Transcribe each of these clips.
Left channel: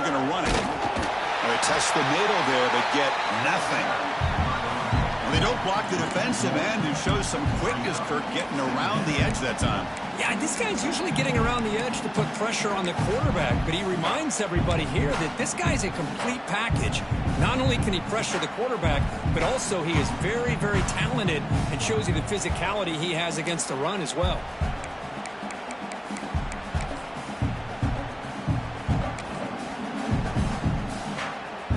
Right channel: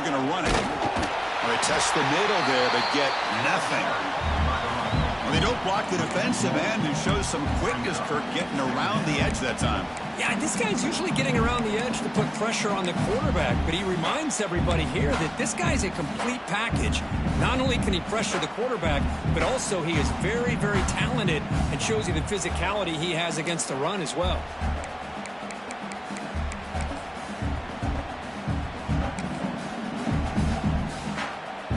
They're going to run it. Well, they test the middle there, but get nothing. Well, they don't block the defensive end, who shows some quickness, Kirk, getting around the edge that time. Yeah, this guy's usually getting around the edge to put pressure on the quarterback, but he reminds everybody here that this guy's a complete package. Not only can he pressure the quarterback, but also he is very, very talented and shows you the physicality he has against the run as well.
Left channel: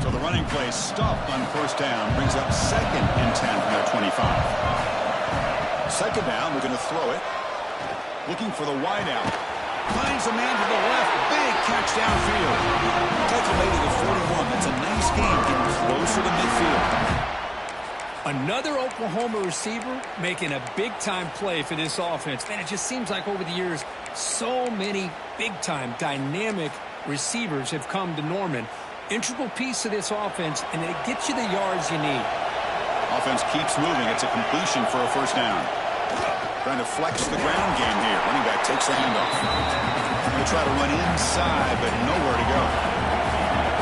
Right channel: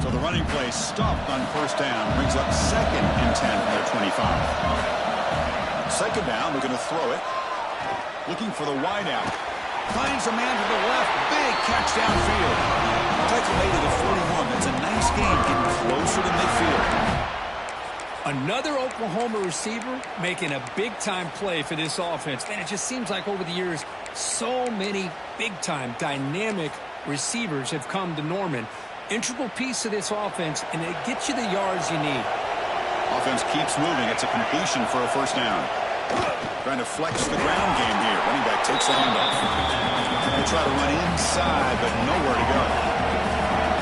So the running play stopped on first down, brings up 2nd and 10 from their 25. Second down, they're going to throw it. Looking for the wideout. Finds a man to the left. Big catch downfield. Tackle made it at 41. That's a nice game, getting closer to midfield. Another Oklahoma receiver making a big-time play for this offense. Man, it just seems like over the years, so many big-time, dynamic receivers have come to Norman. Integral piece of this offense, and it gets you the yards you need. Offense keeps moving. It's a completion for a first down. Trying to flex the ground game here. Running back takes the handoff. They try to run inside, but nowhere to go.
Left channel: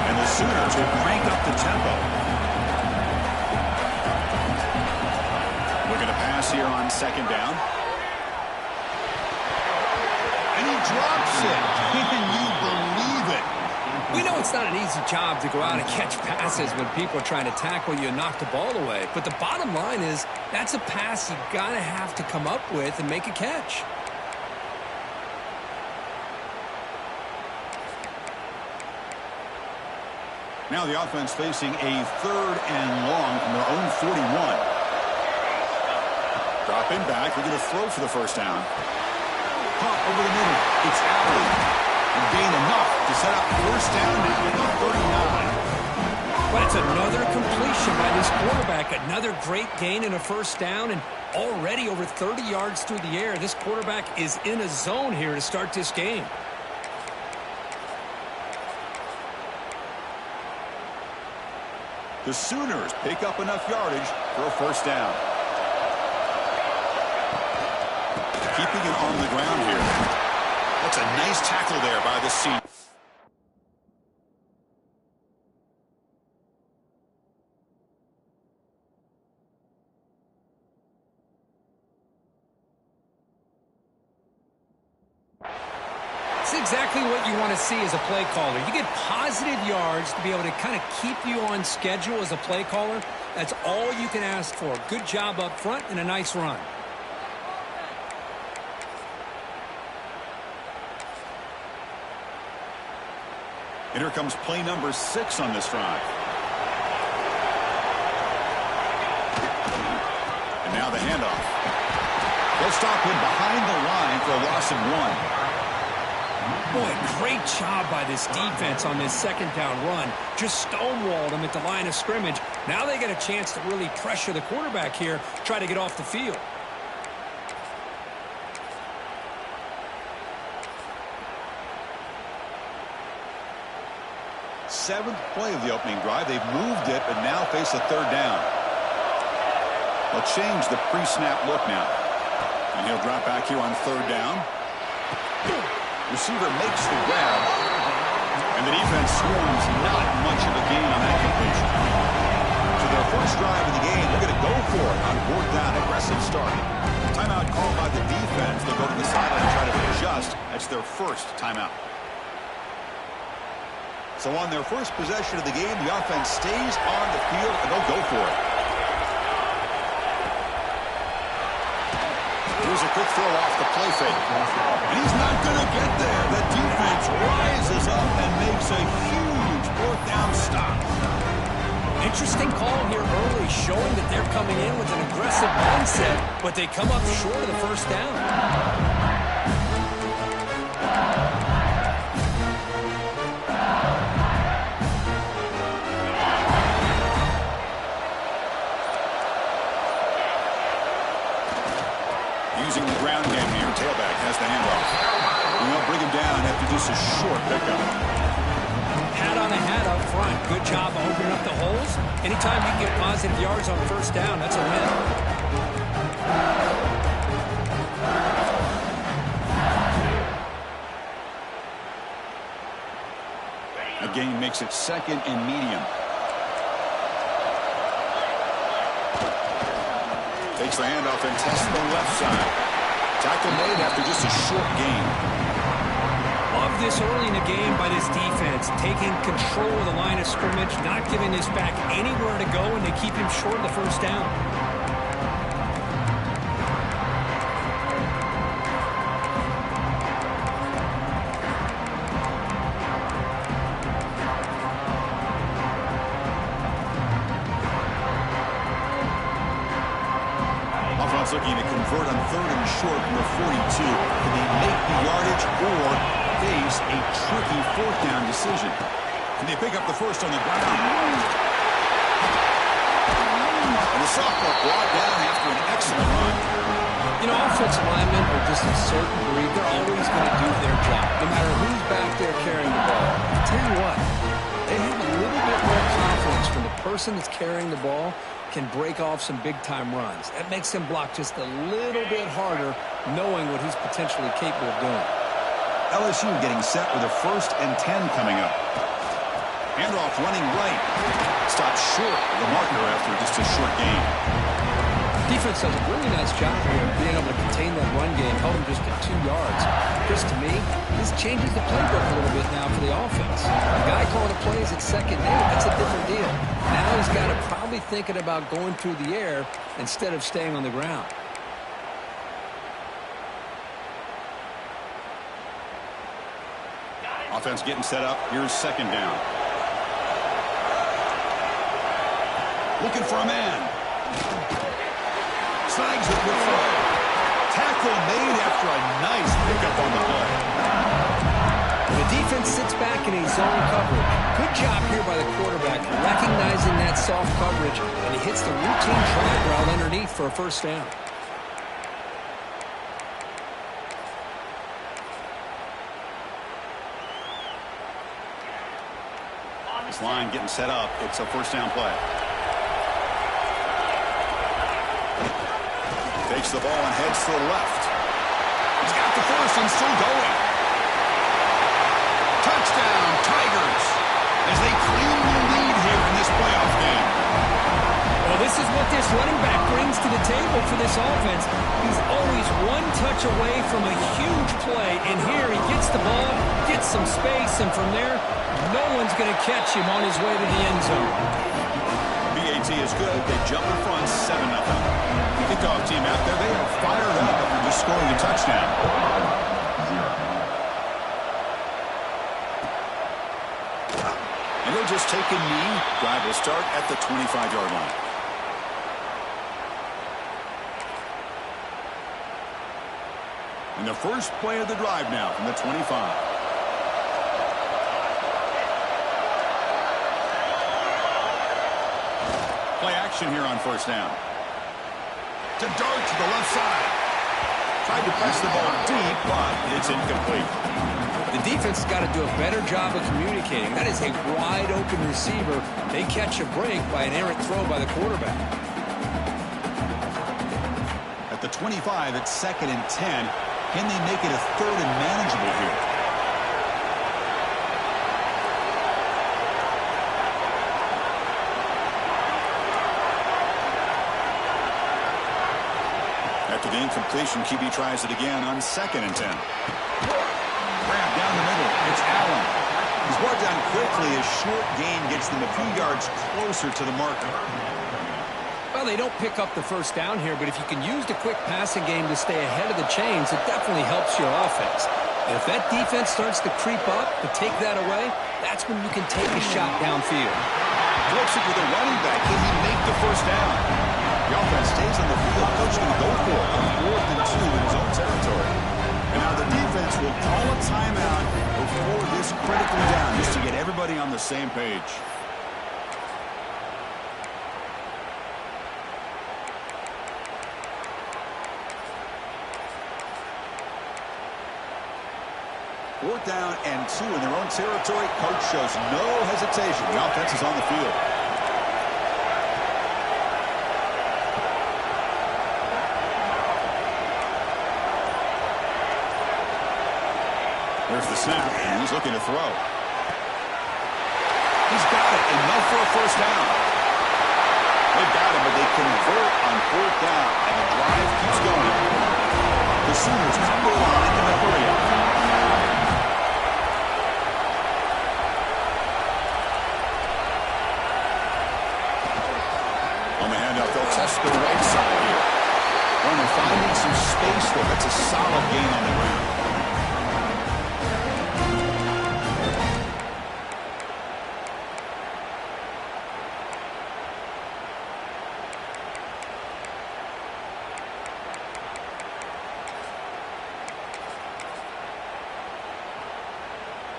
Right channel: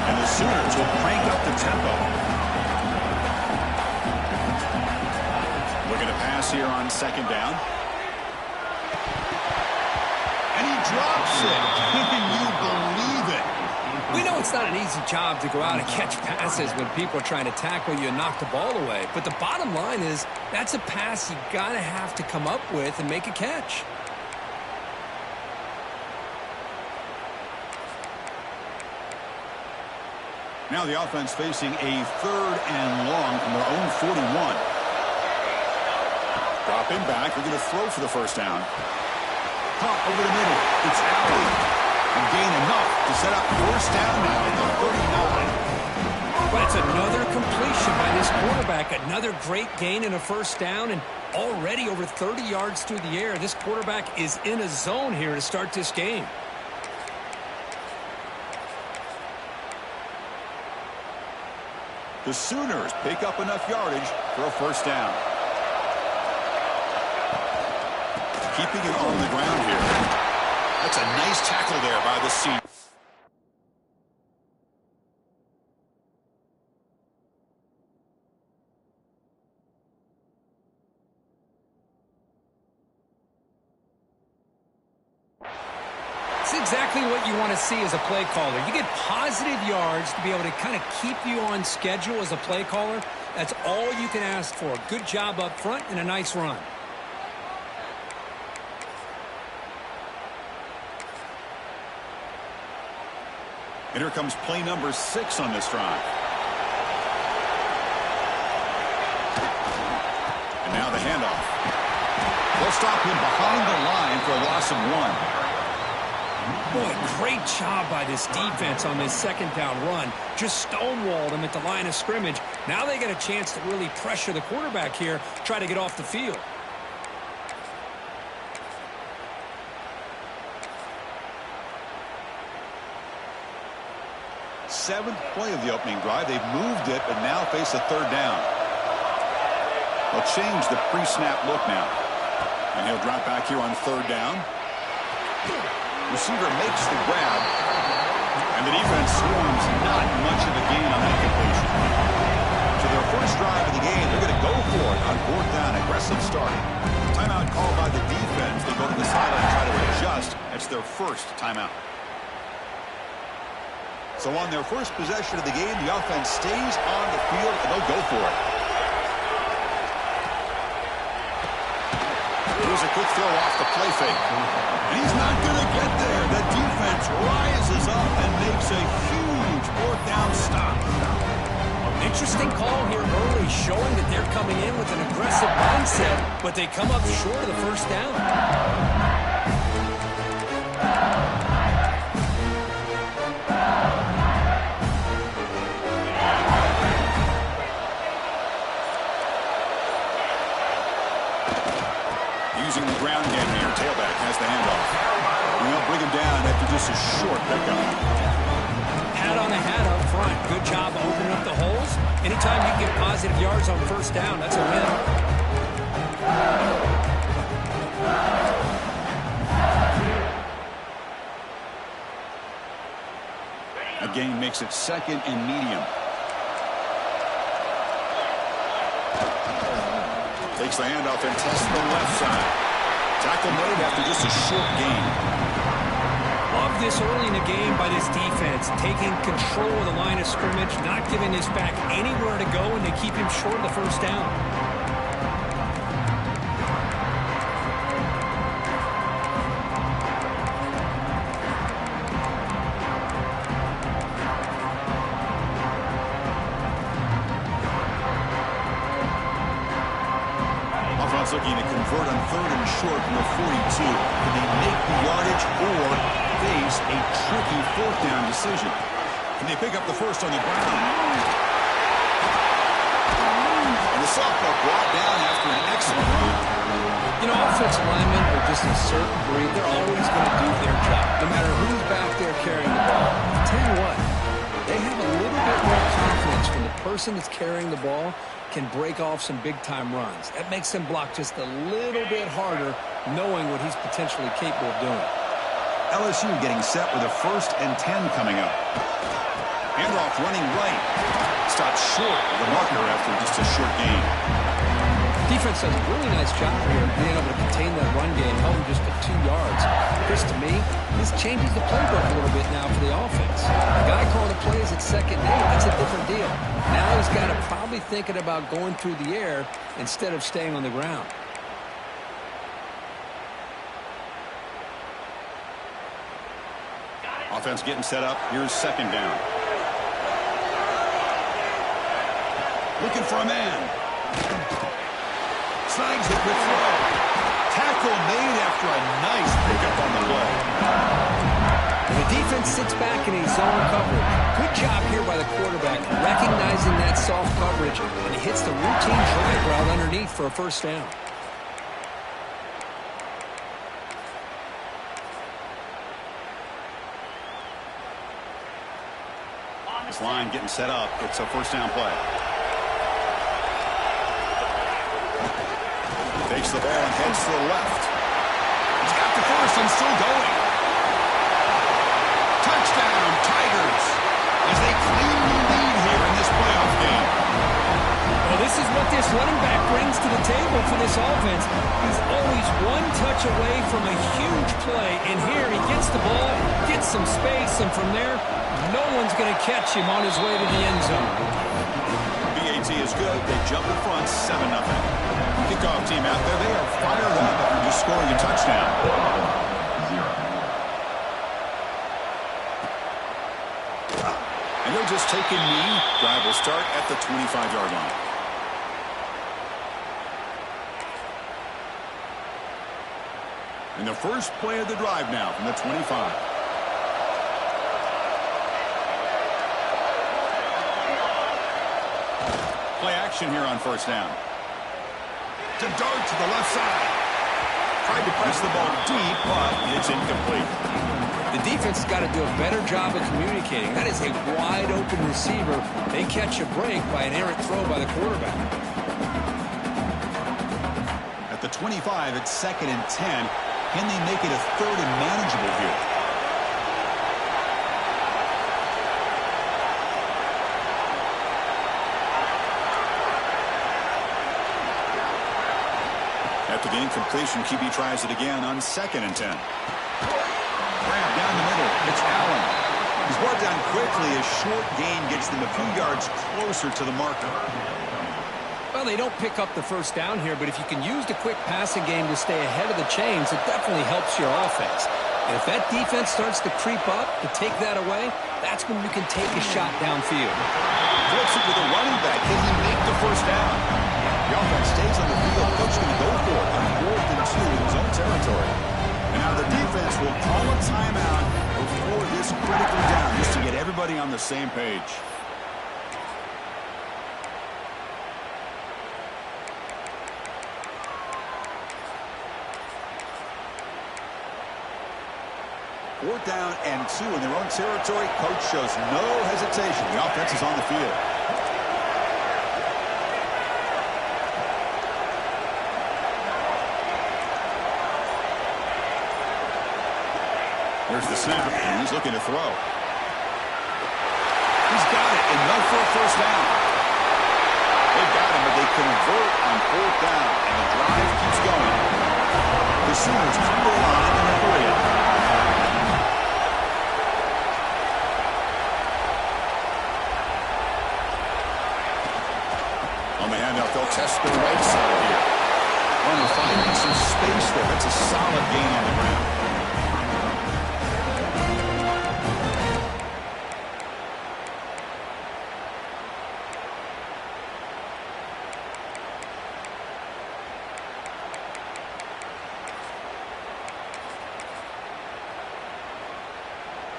And the Sooners will crank up the tempo. Looking to pass here on second down. And he drops it. Can you believe it? We know it's not an easy job to go out and catch passes when people are trying to tackle you and knock the ball away. But the bottom line is that's a pass you got to have to come up with and make a catch. Now the offense facing a 3rd and long from their own 41. Dropping back. They're going to throw for the first down. Pump over the middle. It's Allen. And gain enough to set up first down now at the 39. But it's another completion by this quarterback. Another great gain and a first down, and already over 30 yards through the air. This quarterback is in a zone here to start this game. The Sooners pick up enough yardage for a first down. Keeping it on the ground here. That's a nice tackle there by the senior. It's exactly what you want to see as a play caller. You get positive yards to be able to kind of keep you on schedule as a play caller. That's all you can ask for. Good job up front and a nice run. And here comes play number 6 on this drive. And now the handoff. They'll stop him behind the line for a loss of 1. Boy, great job by this defense on this second down run. Just stonewalled him at the line of scrimmage. Now they get a chance to really pressure the quarterback here, try to get off the field. Seventh play of the opening drive. They've moved it, but now face a third down. They'll change the pre-snap look now. And he'll drop back here on third down. Receiver makes the grab. And the defense swarms not much of a gain on that completion. So their first drive of the game, they're going to go for it on fourth down. Aggressive start. Timeout called by the defense. They'll go to the sideline and try to adjust. That's their first timeout. So on their first possession of the game, the offense stays on the field, and they'll go for it. Here's a quick throw off the play fake. And he's not going to get there. The defense rises up and makes a huge fourth down stop. Interesting call here early, showing that they're coming in with an aggressive mindset, but they come up short of the first down. Using the ground game here, tailback has the handoff. And they'll bring him down after just a short pickup. Hat on a hat up front. Good job opening up the holes. Anytime you can get positive yards on first down, that's a win. A gain makes it second and medium. Takes the handoff and tests the left side. Tackle made after just a short gain. Love this early in the game by this defense, taking control of the line of scrimmage, not giving this back anywhere to go, and they keep him short of the first down. Looking to convert on third and short from the 42. Can they make the yardage or face a tricky fourth down decision? Can they pick up the first on the ground? And the sophomore brought down after an excellent run. You know, offensive linemen are just a certain breed. They're always going to do their job, no matter who's back there carrying the ball. I'll tell you what, they have a little bit more confidence when the person that's carrying the ball can break off some big-time runs. That makes him block just a little bit harder, knowing what he's potentially capable of doing. LSU getting set with a 1st and 10 coming up. Handoff running right. Stopped short of the marker after just a short gain. Defense does a really nice job here of being able to contain that run game, held him just at 2 yards. Chris, to me, this changes the playbook a little bit now for the offense. The guy calling the plays at 2nd and 8, that's a different deal. Now he's got to probably thinking about going through the air instead of staying on the ground. Offense getting set up. Here's 2nd down. Looking for a man. Snags it with throw. Tackle made after a nice pickup on the play. And the defense sits back in a zone coverage. Good job here by the quarterback, recognizing that soft coverage, and he hits the routine drag route underneath for a first down. This line getting set up. It's a first down play. Takes the ball and heads to the left. He's got the first and still going. Touchdown, Tigers, as they claim the lead here in this playoff game. Well, this is what this running back brings to the table for this offense. He's always one touch away from a huge play, and here he gets the ball, gets some space, and from there, no one's going to catch him on his way to the end zone. BAT is good. They jump in front, 7-0. Kickoff team out there, they are fired up after just scoring a touchdown. And he'll just take a knee. Drive will start at the 25-yard line. And the first play of the drive now from the 25. Play action here on first down. To dart to the left side. Tried to press the ball deep, but it's incomplete. The defense has got to do a better job of communicating. That is a wide-open receiver. They catch a break by an errant throw by the quarterback. At the 25, it's 2nd and 10. Can they make it a 3rd and manageable here? After the incompletion, QB tries it again on 2nd and 10. Grab down the middle. It's Allen. He's brought down quickly. A short gain gets them a few yards closer to the marker. Well, they don't pick up the first down here, but if you can use the quick passing game to stay ahead of the chains, it definitely helps your offense. And if that defense starts to creep up to take that away, that's when you can take a shot downfield. Flips it to the running back. Can he make the first down? The offense stays on the field. Coach going to go for it on 4th and 2 in his own territory. And now the defense will call a timeout before this critically down, just to get everybody on the same page. Fourth down and 2 in their own territory. Coach shows no hesitation. The offense is on the field. There's the snap, and he's looking to throw. He's got it, enough for a first down. They've got him, but they convert on 4th down, and the drive keeps going. The Sooners come to the line in a hurry-up. On the handoff, they'll test the right side here. Runner finding some space there. That's a solid gain on the ground.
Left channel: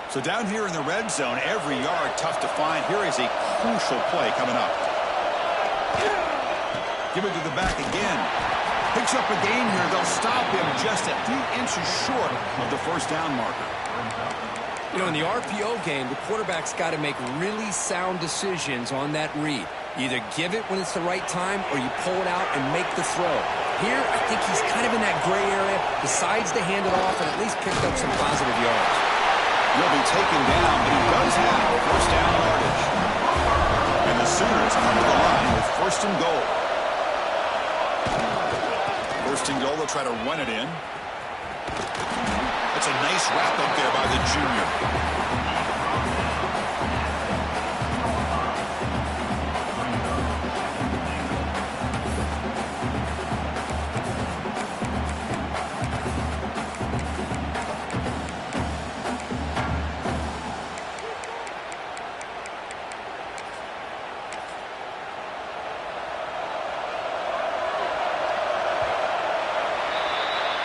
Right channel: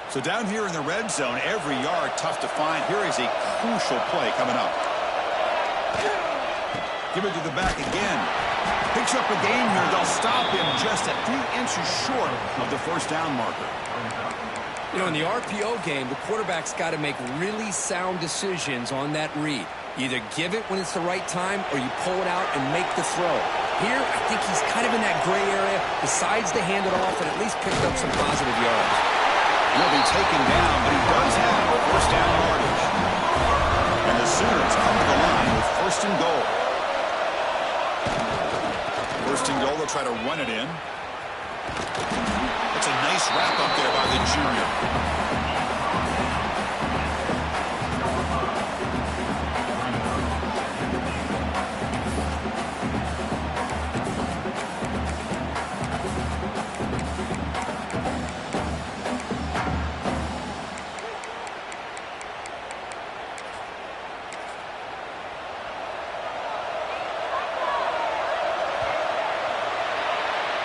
So down here in the red zone, every yard tough to find. Here is a crucial play coming up. Give it to the back again. Picks up a gain here. They'll stop him just a few inches short of the first down marker. You know, in the RPO game, the quarterback's got to make really sound decisions on that read. You either give it when it's the right time or you pull it out and make the throw. Here, I think he's kind of in that gray area, decides to hand it off and at least picked up some positive yards. He'll be taken down, but he does have first down yardage. And the Sooners come to the line with 1st and goal. 1st and goal, they'll try to run it in. That's a nice wrap up there by the junior.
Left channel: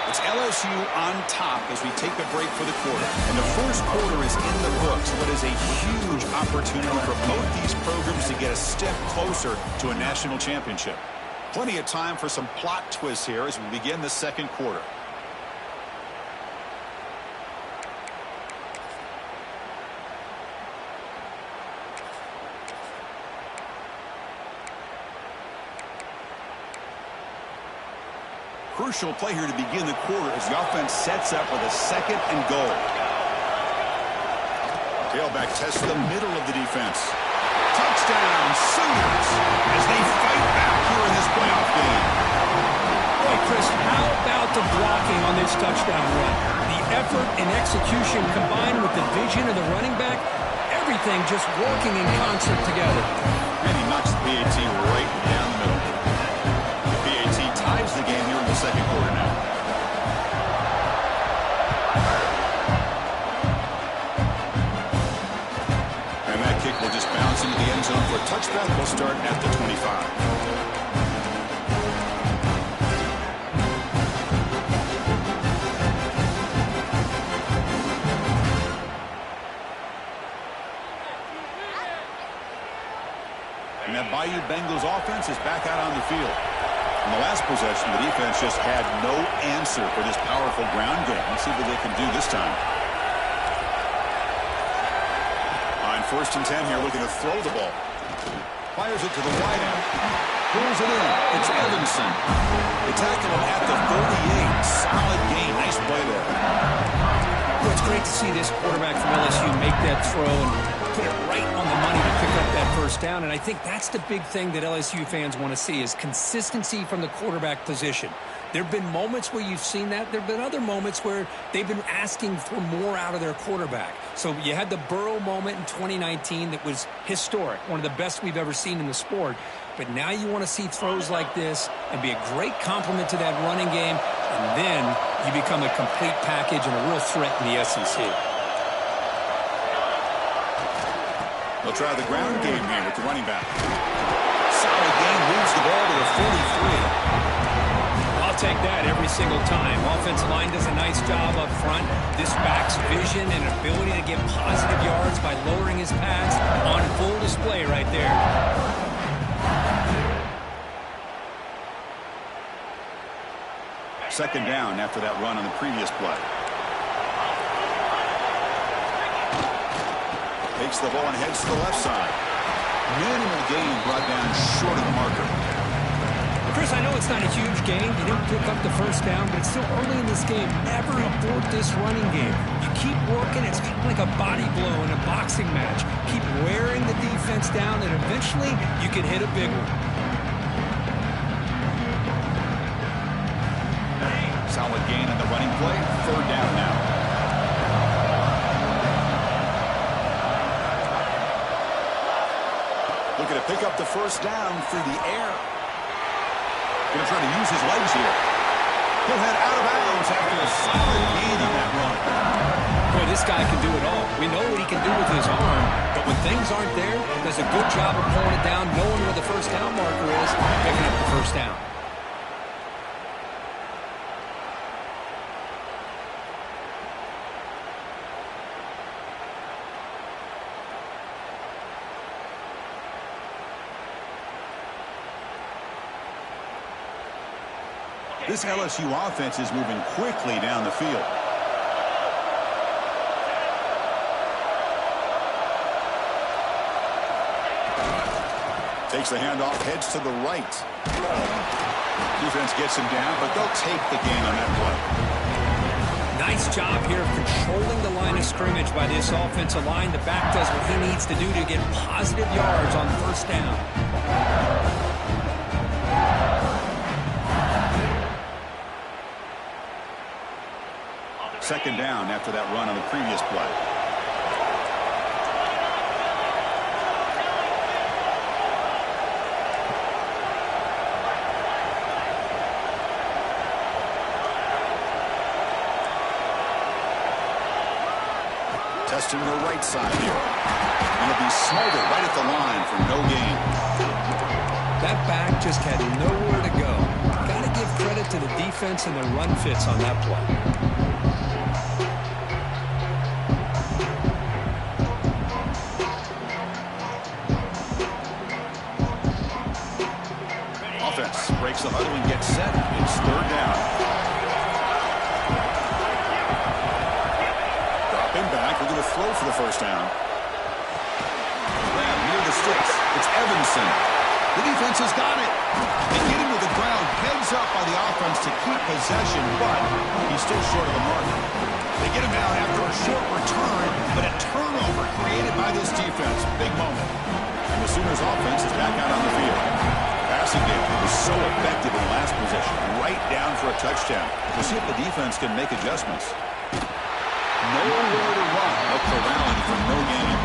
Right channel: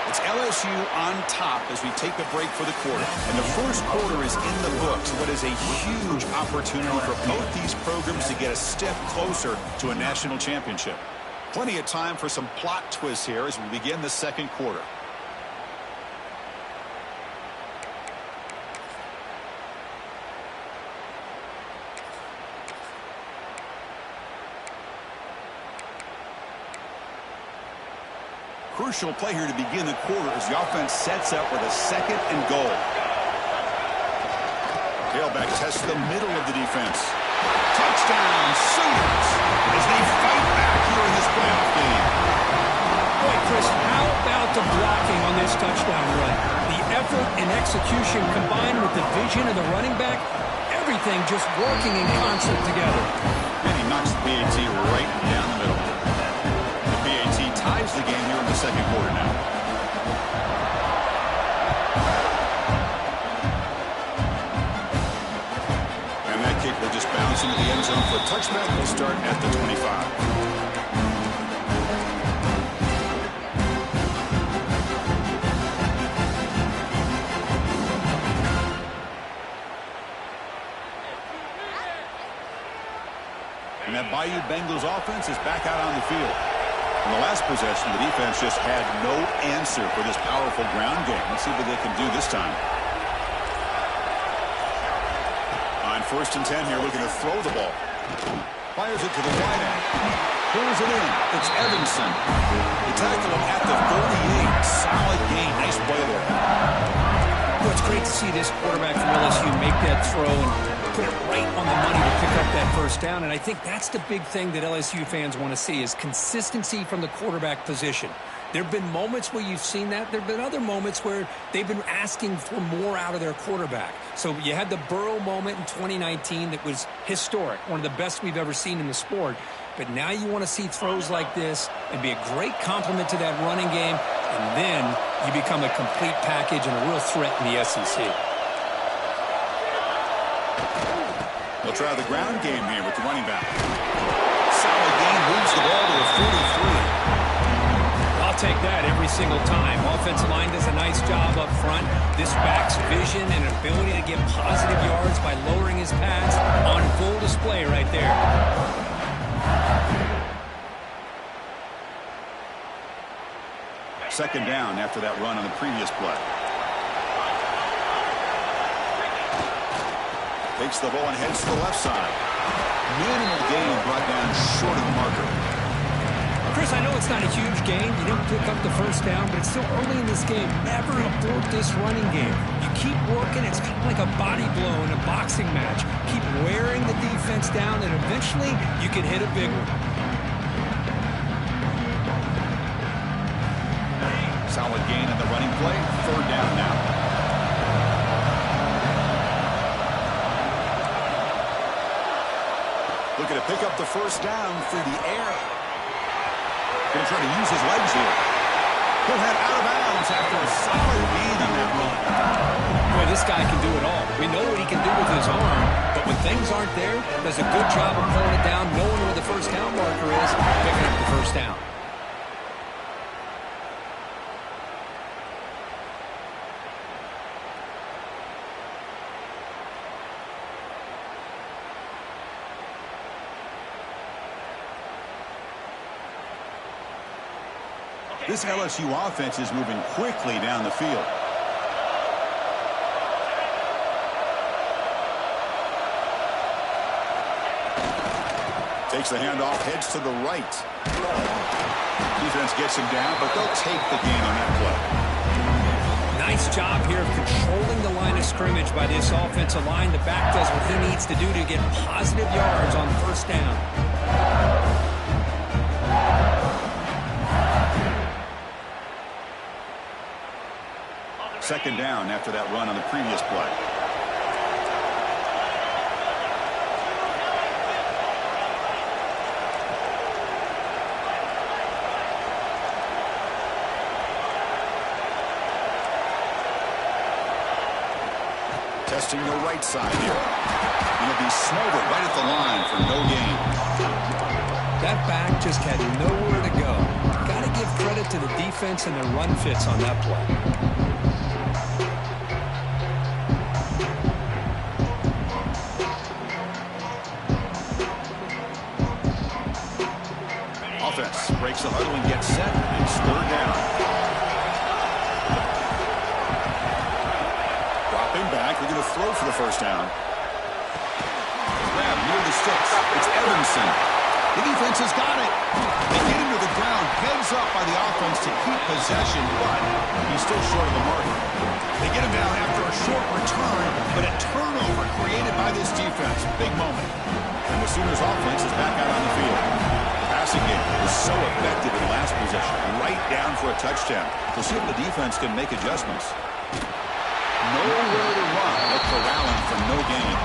It's LSU on top as we take a break for the quarter. And the first quarter is in the books. What is a huge opportunity for both these programs to get a step closer to a national championship. Plenty of time for some plot twists here as we begin the second quarter. Crucial play here to begin the quarter as the offense sets up with a 2nd and goal. Tailback tests the middle of the defense. Touchdown, Sooners, as they fight back here in this playoff game. Boy, Chris, how about the blocking on this touchdown run? The effort and execution combined with the vision of the running back, everything just working in concert together. And he knocks the PAT right down the middle. PAT ties the game here in the second quarter now. And that kick will just bounce into the end zone for a touchback. We'll start at the 25. And that Bayou Bengals offense is back out on the field. In the last possession, the defense just had no answer for this powerful ground game. Let's see what they can do this time. On 1st and 10 here, looking to throw the ball. Fires it to the wide end. Pulls it in. It's Evanson. They tackle him at the 38. Solid gain. Nice play there. Well, it's great to see this quarterback from LSU make that throw and put it right on the money to pick up that first down. And I think that's the big thing that LSU fans want to see is consistency from the quarterback position. There have been moments where you've seen that. There have been other moments where they've been asking for more out of their quarterback. So you had the Burrow moment in 2019 that was historic, one of the best we've ever seen in the sport. But now you want to see throws like this and be a great complement to that running game. And then you become a complete package and a real threat in the SEC. They'll try the ground game here with the running back. Solid gain, moves the ball to the 43. I'll take that every single time. Offensive line does a nice job up front. This back's vision and ability to get positive yards by lowering his pads on full display right there. Second down after that run on the previous play. Takes the ball and heads to the left side. Minimal gain brought down short of the marker. Chris, Chris, I know it's not a huge game. You didn't pick up the first down, but it's still early in this game. Never abort this running game. You keep working. It's kind of like a body blow in a boxing match. Keep wearing the defense down, and eventually you can hit a big one. Solid gain in the running play. Third down now. Looking to pick up the first down through the air. Going to try to use his legs here. He'll head out of bounds after a solid gain on that run. Boy, this guy can do it all. We know what he can do with his arm, but when things aren't there, does a good job of pulling it down, knowing where the first down marker is, picking up the first down. This LSU offense is moving quickly down the field. Takes the handoff, heads to the right. Defense gets him down, but they'll take the gain on that play. Nice job here of controlling the line of scrimmage by this offensive line. The back does what he needs to do to get positive yards on first down. Second down after that run on the previous play. Testing the right side here. And he'll be smothered right at the line for no gain. That back just had nowhere to go. Got to give credit to the defense and their run fits on that play. Offense breaks the huddle and gets set. It's third down. Dropping back. We're going to throw for the first down. Grab near the sticks. It's Evanson. The defense has got it. They get him to the ground. Heads up by the offense to keep possession, but he's still short of the mark. They get him down after a short return, but a turnover created by this defense. Big moment. And the Sooners offense is back out on the field. Passing game was so effective in the last possession, right down for a touchdown. We'll see if the defense can make adjustments. Nowhere to run. They'll corral him for no gain.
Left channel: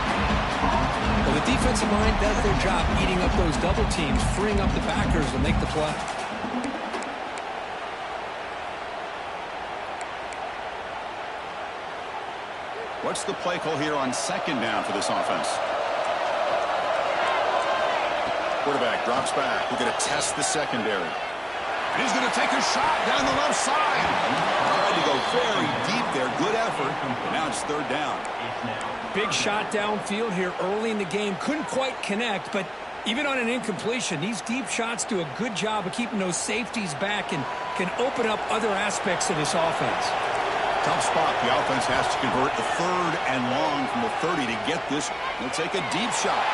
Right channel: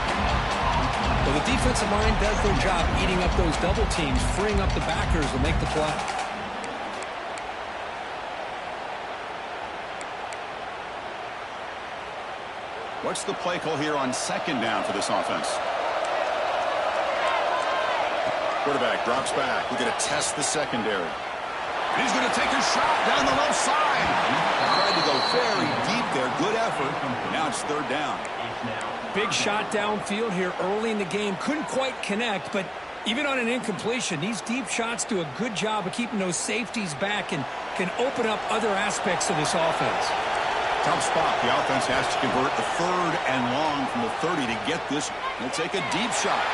Well, the defensive line does their job eating up those double teams, freeing up the backers to make the play. What's the play call here on second down for this offense? Quarterback drops back. We're going to test the secondary. And he's going to take a shot down the left side. Tried to go very deep there. Good effort. Now it's third down. Big shot downfield here early in the game. Couldn't quite connect, but even on an incompletion, these deep shots do a good job of keeping those safeties back and can open up other aspects of this offense. Tough spot. The offense has to convert the third and long from the 30 to get this. They'll take a deep shot.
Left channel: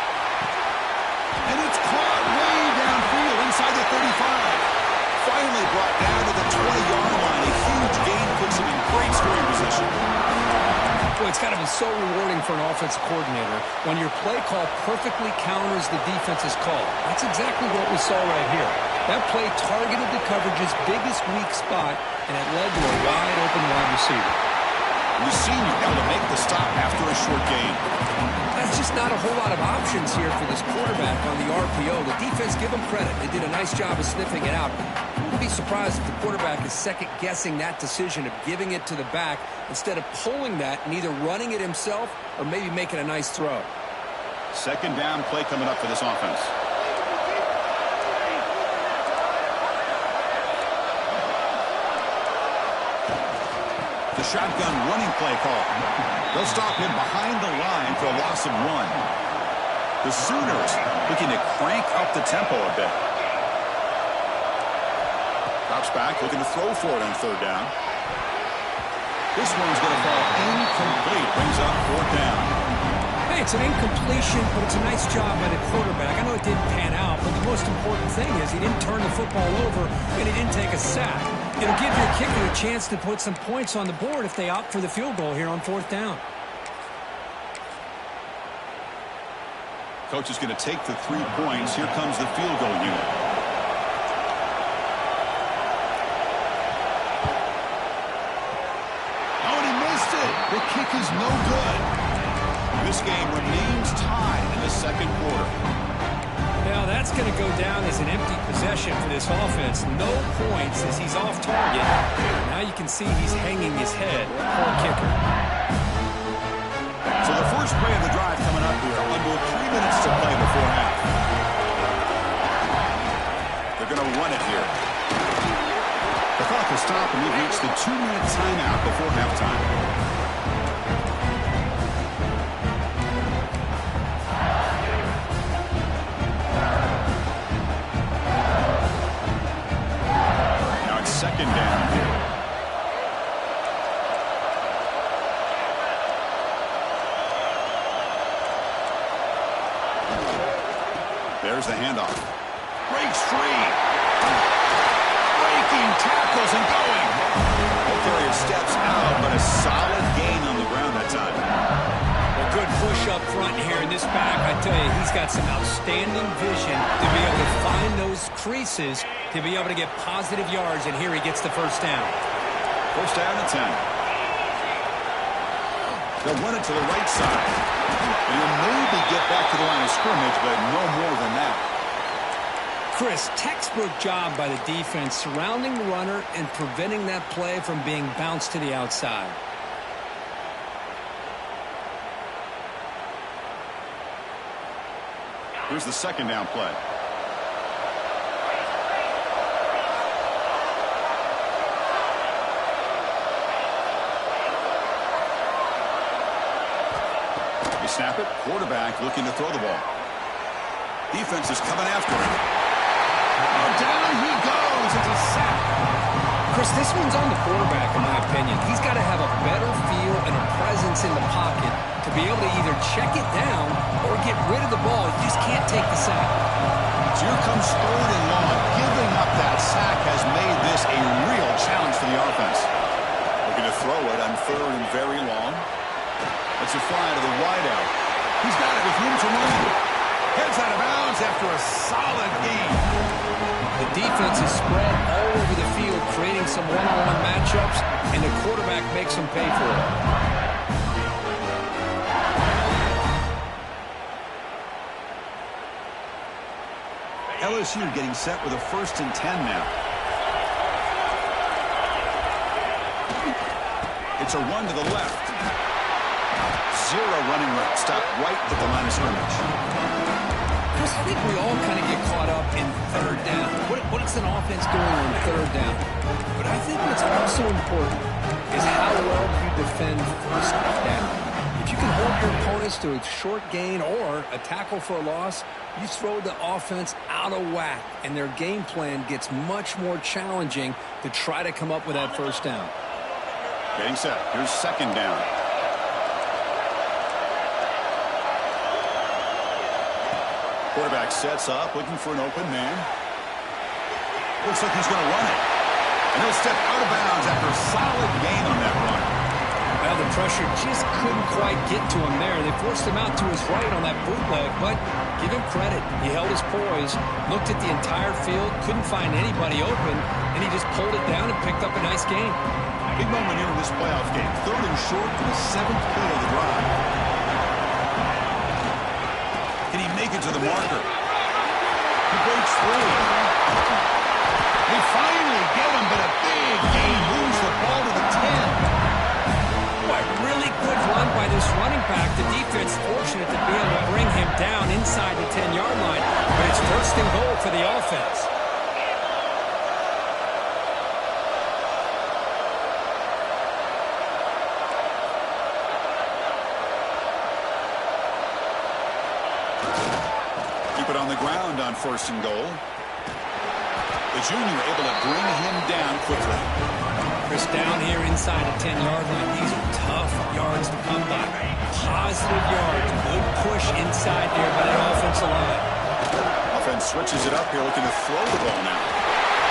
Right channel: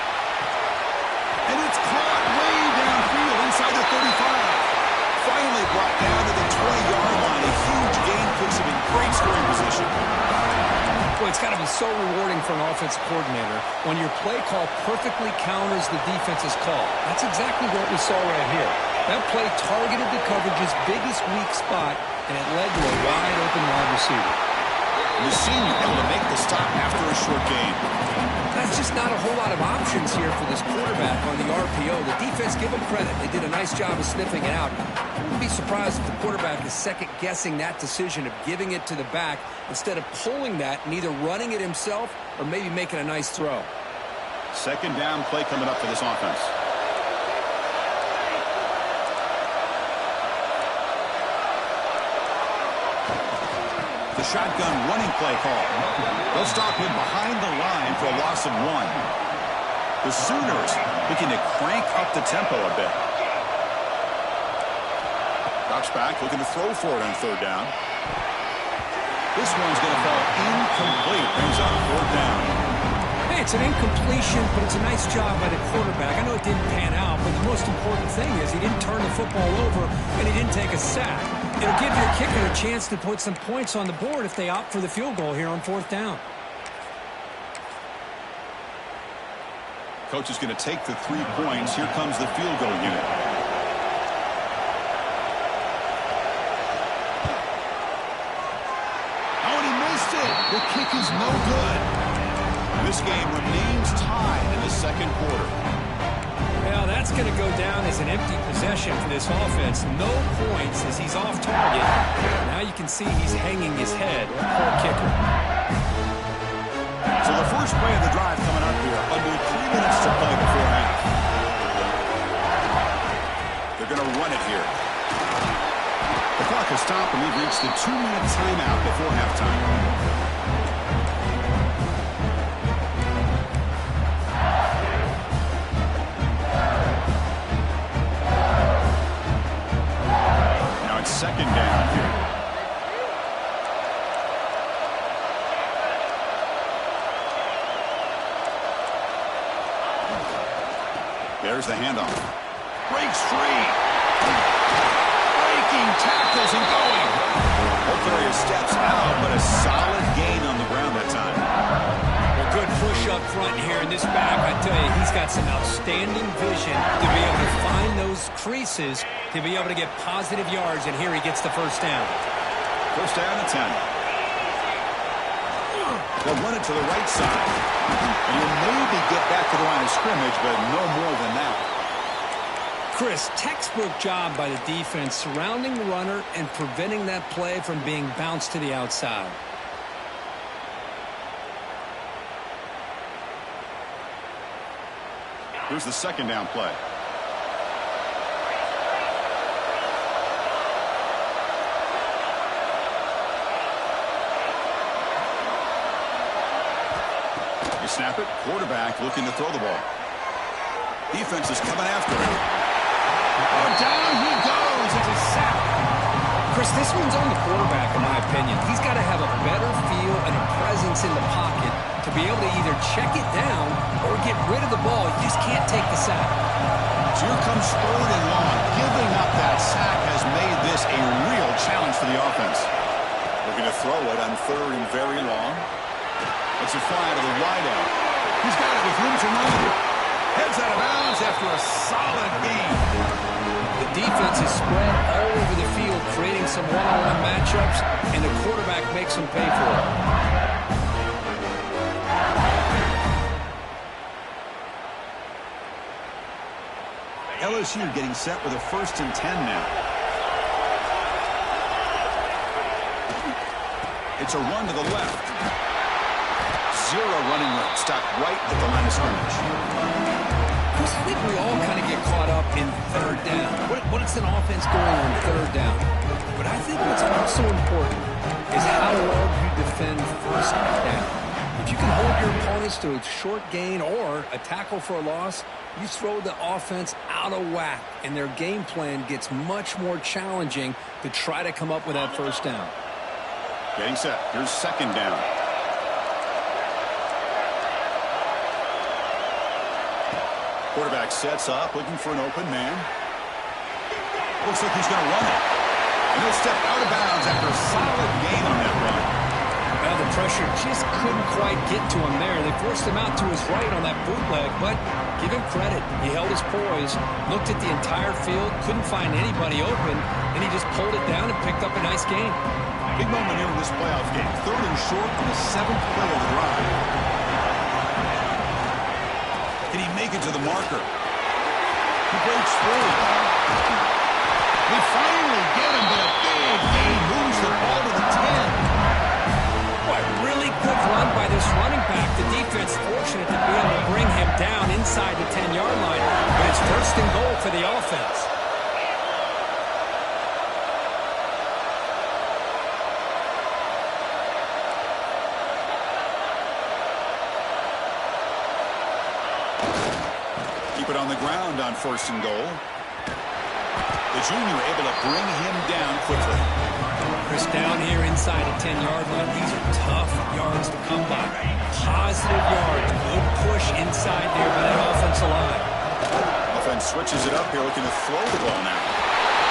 And it's caught way downfield inside the 35. Finally brought down to the 20-yard line. A huge gain puts him in great scoring position. Boy, it's got to be so rewarding for an offensive coordinator when your play call perfectly counters the defense's call. That's exactly what we saw right here. That play targeted the coverage's biggest weak spot, and it led to a wide-open wide receiver. And the senior able to make the stop after a short gain. That's just not a whole lot of options here for this quarterback on the RPO. The defense, give them credit. They did a nice job of sniffing it out. I wouldn't be surprised if the quarterback is second-guessing that decision of giving it to the back instead of pulling that and either running it himself or maybe making a nice throw. Second down play coming up for this offense. The shotgun running play call. They'll stop him behind the line for a loss of 1. The Sooners looking to crank up the tempo a bit. Drops back, looking to throw for it on third down. This one's going to fall incomplete. Brings up fourth down. Hey, it's an incompletion, but it's a nice job by the quarterback. I know it didn't pan out, but the most important thing is he didn't turn the football over and he didn't take a sack. It'll give your kicker a chance to put some points on the board if they opt for the field goal here on 4th down. Coach is going to take the 3 points. Here comes the field goal unit. Oh, and he missed it. The kick is no good. This game remains tied in the 2nd quarter. Well, that's going to go down as an empty possession for this offense. No points as he's off target. Now you can see he's hanging his head. Poor kicker. So the first play of the drive coming up here. Under 3 minutes to play before half. They're going to run it here. The clock has stopped and we've reached the 2-minute timeout before halftime. Second down here. There's the handoff. Breaks free. Breaking tackles and going. Ball carrier steps out, but a solid gain on the ground that time. Well, good push up front here in this back. I tell you, he's got some outstanding vision to be able to find those creases, to be able to get positive yards, and here he gets the first down. First down and 10. They'll run it to the right side. And he'll maybe get back to the line of scrimmage, but no more than that. Chris, textbook job by the defense surrounding the runner and preventing that play from being bounced to the outside. Here's the second down play. You snap it. Quarterback looking to throw the ball. Defense is coming after him. Oh, down he goes. It's a sack. Chris, this one's on the quarterback, in my opinion. He's got to have a better feel and a presence in the pocket to be able to either check it down or get rid of the ball. You just can't take the sack. So here comes 3rd and long. Giving up that sack has made this a real challenge for the offense. Looking to throw it on 3rd and very long. Let's it fly to the wideout. He's got it with room to run. Heads out of bounds after a solid gain. The defense is spread all over the field, creating some one-on-one matchups, and the quarterback makes them pay for it. LSU getting set with a 1st and 10 now. It's a run to the left. Zero running room. Stop right at the line of scrimmage. Chris, I think we all kind of get caught up in 3rd down. What is an offense doing on 3rd down? But I think what's also important is how well you defend 1st down. If you can hold your opponents to a short gain or a tackle for a loss, you throw the offense out of whack, and their game plan gets much more challenging to try to come up with that 1st down. Getting set. Here's 2nd down. Quarterback sets up, looking for an open man. Looks like he's going to run it. And he'll step out of bounds after a solid gain on that run. Well, the pressure just couldn't quite get to him there. They forced him out to his right on that bootleg, but give him credit. He held his poise, looked at the entire field, couldn't find anybody open, and he just pulled it down and picked up a nice gain. Big moment here in this playoff game. 3rd and short on the 7th play of the drive. Can he make it to the marker? He breaks free. They finally get him, but a big gain moves the ball to the 10. Boy, really good run by this running back. The defense fortunate to be able to bring him down inside the 10-yard line, but it's 1st and goal for the offense. Keep it on the ground on 1st and goal. The junior able to bring him down quickly. Chris, down here inside the 10-yard line, these are tough yards to come by. Positive yards, good push inside there by that offensive line. Offense switches it up here, looking to throw the ball now.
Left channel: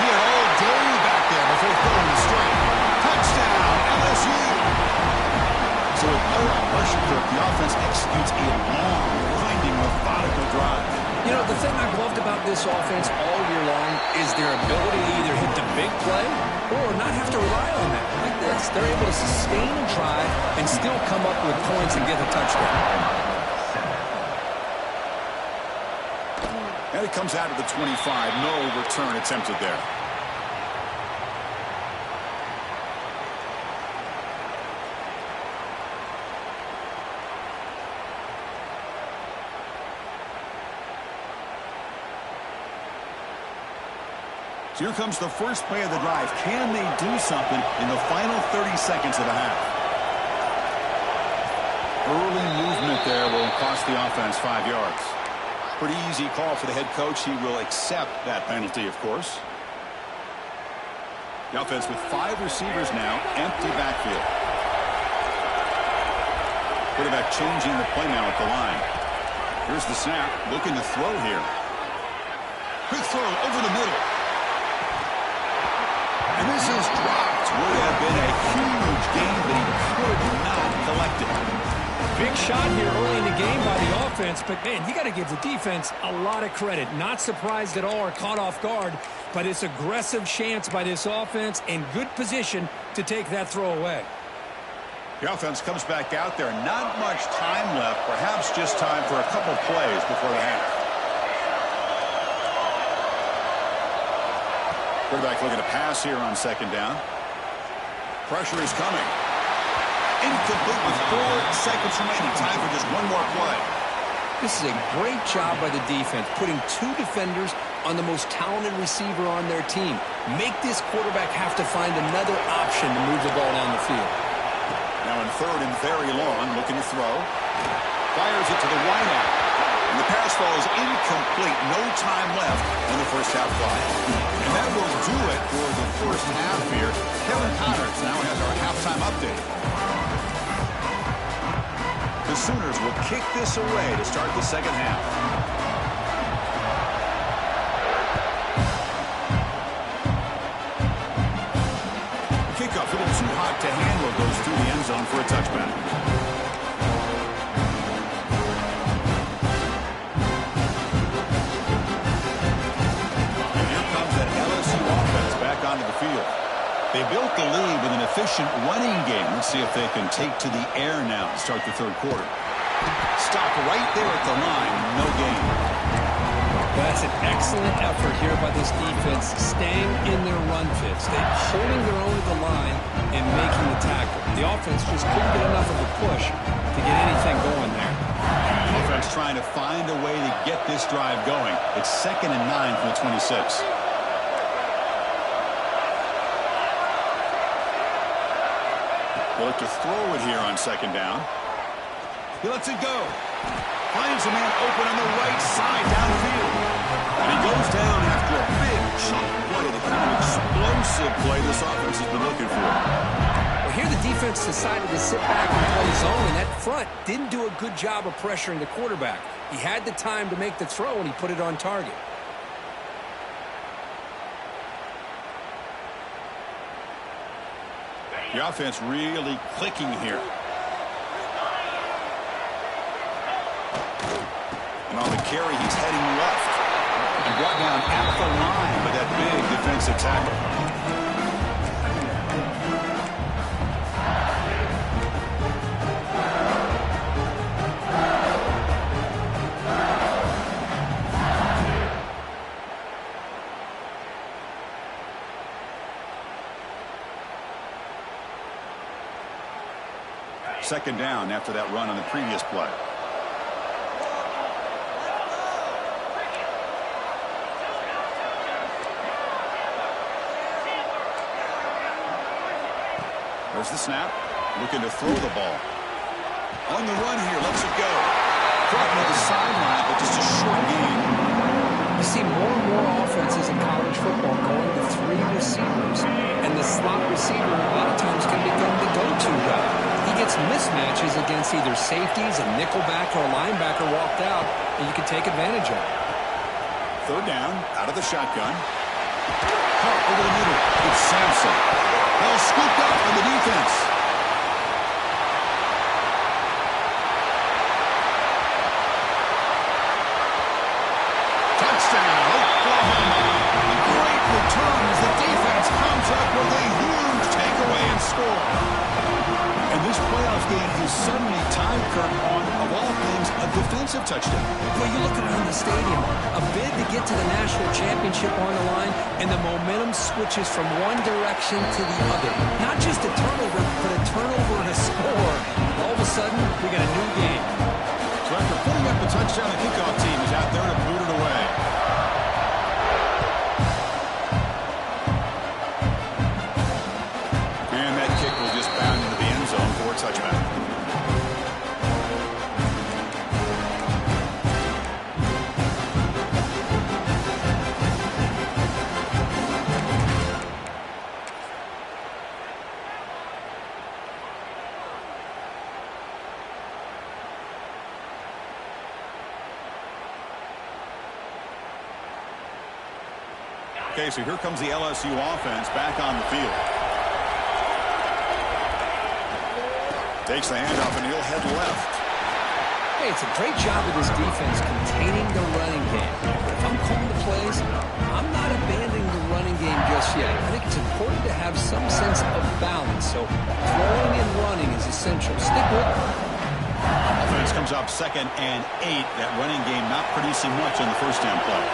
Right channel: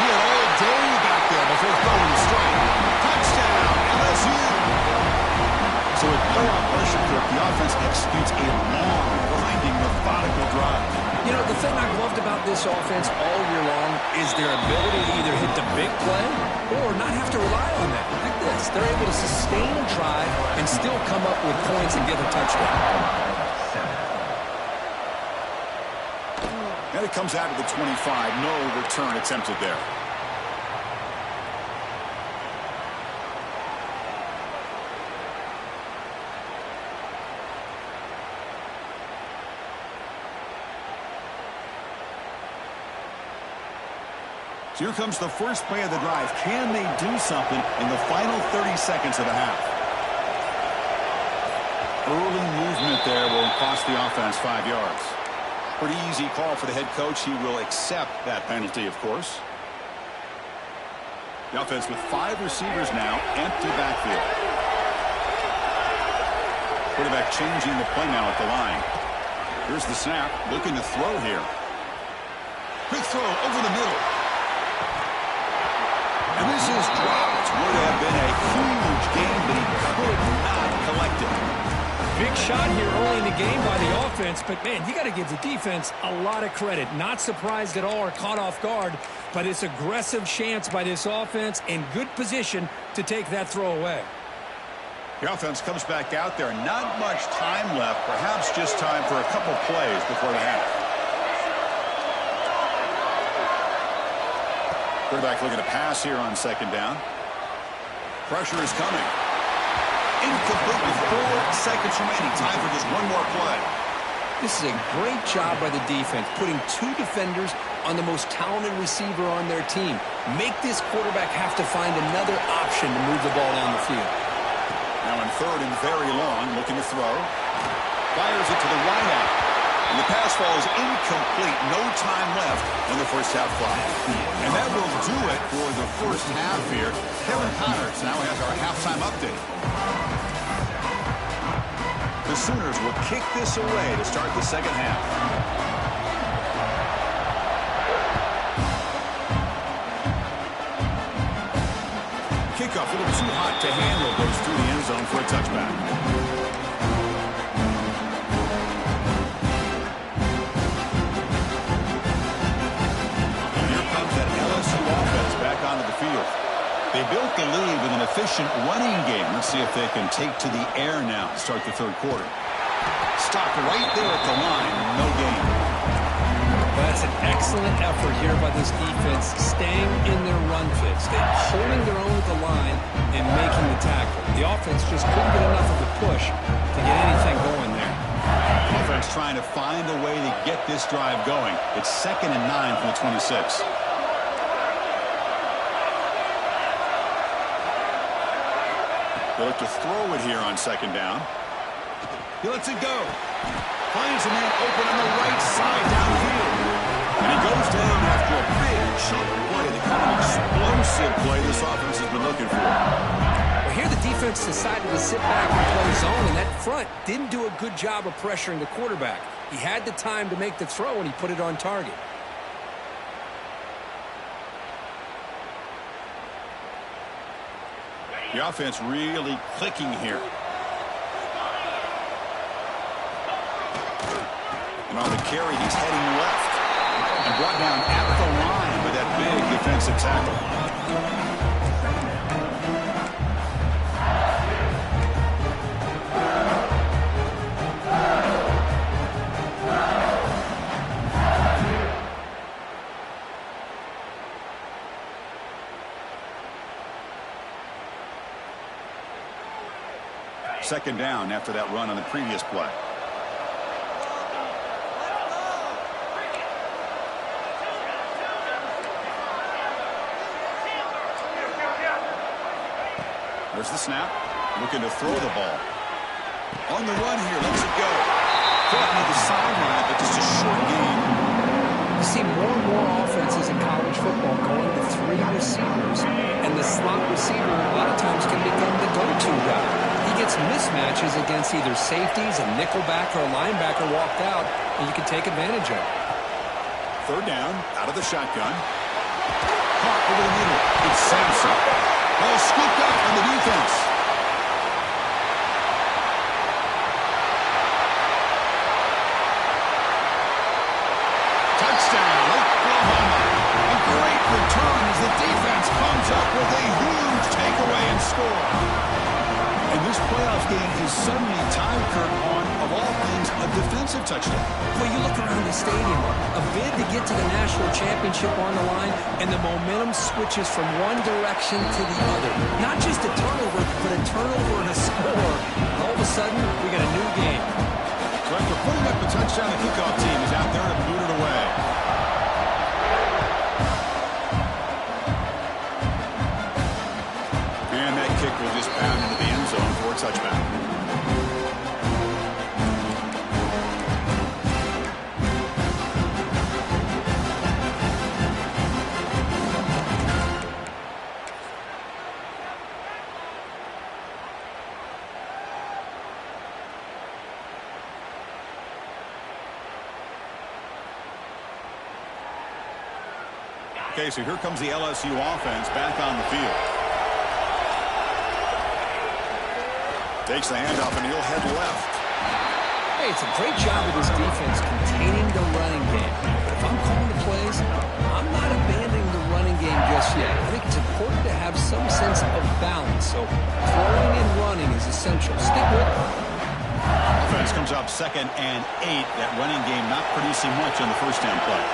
He had all day back there before throwing the strike. Touchdown, LSU! So with playoff pressure, Kirk, the offense executes a long, grinding, methodical drive. You know, the thing I've loved about this offense all year long is their ability to either hit the big play or not have to rely on that. Like this, they're able to sustain a drive and still come up with points and get a touchdown. And it comes out of the 25. No return attempted there. So here comes the first play of the drive. Can they do something in the final 30 seconds of the half? Early movement there will cost the offense 5 yards. Pretty easy call for the head coach. He will accept that penalty, of course. The offense with 5 receivers now, empty backfield. Quarterback changing the play now at the line. Here's the snap, looking to throw here. Quick throw over the middle. And this is dropped. Would have been a huge gain, but he could not collect it. Big shot here early in the game by the offense, but, man, you got to give the defense a lot of credit. Not surprised at all or caught off guard, but it's aggressive chance by this offense in good position to take that throw away. The offense comes back out there. Not much time left, perhaps just time for a couple plays before the half. Quarterback looking to pass here on second down. Pressure is coming. Incomplete with 4 seconds remaining. Time for just one more play. This is a great job by the defense, putting 2 defenders on the most talented receiver on their team. Make this quarterback have to find another option to move the ball down the field. Now in third and very long, looking to throw. Fires it to the wideout. And the pass falls incomplete. No time left in the first half clock. And that will do it for the first half here. Kevin Connors now has our halftime update. The Sooners will kick this away to start the second half. The kickoff, a little too hot to handle, goes through the end zone for a touchback. Onto the field. They built the lead with an efficient running game. Let's see if they can take to the air now to start the third quarter. Stopped right there at the line. No gain. That's an excellent effort here by this defense, staying in their run fits. They're holding their own at the line and making the tackle. The offense just couldn't get enough of a push to get anything going there. Offense trying to find a way to get this drive going. It's 2nd and 9 from the 26. They look to throw it here on second down. He lets it go. Finds a man open on the right side downfield. And he goes down after a big chunk play, the kind of explosive play this offense has been looking for. Well, here the defense decided to sit back and play zone, and that front didn't do a good job of pressuring the quarterback. He had the time to make the throw, and he put it on target. The offense really clicking here. And on the carry, he's heading left. And brought down at the line with that big defensive tackle. Second down after that run on the previous play. There's the snap. Looking to throw the ball. On the run here. Lets it go. Caught near the sideline, but just a short game. You see more and more offenses in college football going to 3 receivers, and the slot receiver a lot of times can become the go-to guy. He gets mismatches against either safeties, a nickelback, or a linebacker walked out, and you can take advantage of it. Third down, out of the shotgun. Caught over the middle. It's Sampson. Ball scooped up on the defense. Touchdown, Oklahoma. A great return as the defense comes up with a huge takeaway and score. And this playoff game is suddenly tied, Kirk, on, of all things, a defensive touchdown. Well, you look around the stadium, a bid to get to the national championship on the line, and the momentum switches from one direction to the other. Not just a turnover, but a turnover and a score. And all of a sudden, we got a new game. So after putting up the touchdown, the kickoff team is out there to boot it away. And that kick will just bound into the end zone for a touchback. Okay, so here comes the LSU offense back on the field. Takes the handoff, and he'll head left. Hey, it's a great job of this defense containing the running game. But if I'm calling the plays, I'm not abandoning the running game just yet. I think it's important to have some sense of balance. So throwing and running is essential. Stick with it. Offense comes up 2nd and 8. That running game not producing much on the first down play.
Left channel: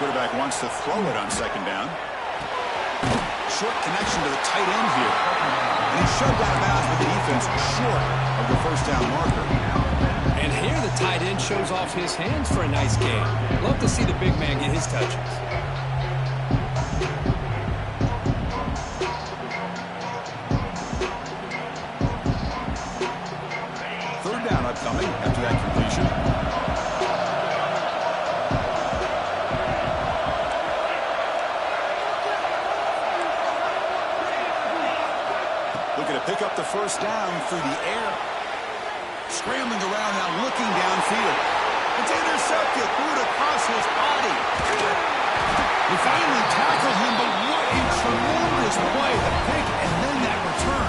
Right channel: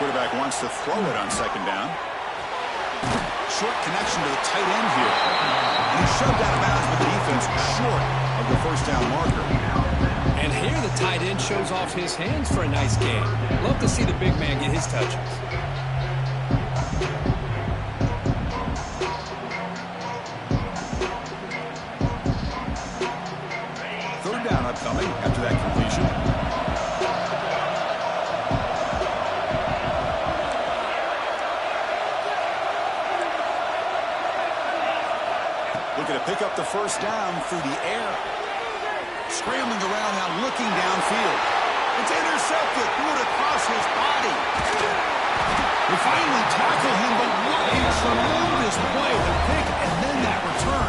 Quarterback wants to throw it on 2nd down. Short connection to the tight end here. And he's shoved out of bounds with the defense short of the first down marker. And here the tight end shows off his hands for a nice game. Love to see the big man get his touches. Third down upcoming after that completion. Looking to pick up the first down through the air. Scrambling around now, looking downfield. It's intercepted. Threw it across his body. They finally tackle him, but what a tremendous play. The pick and then that return.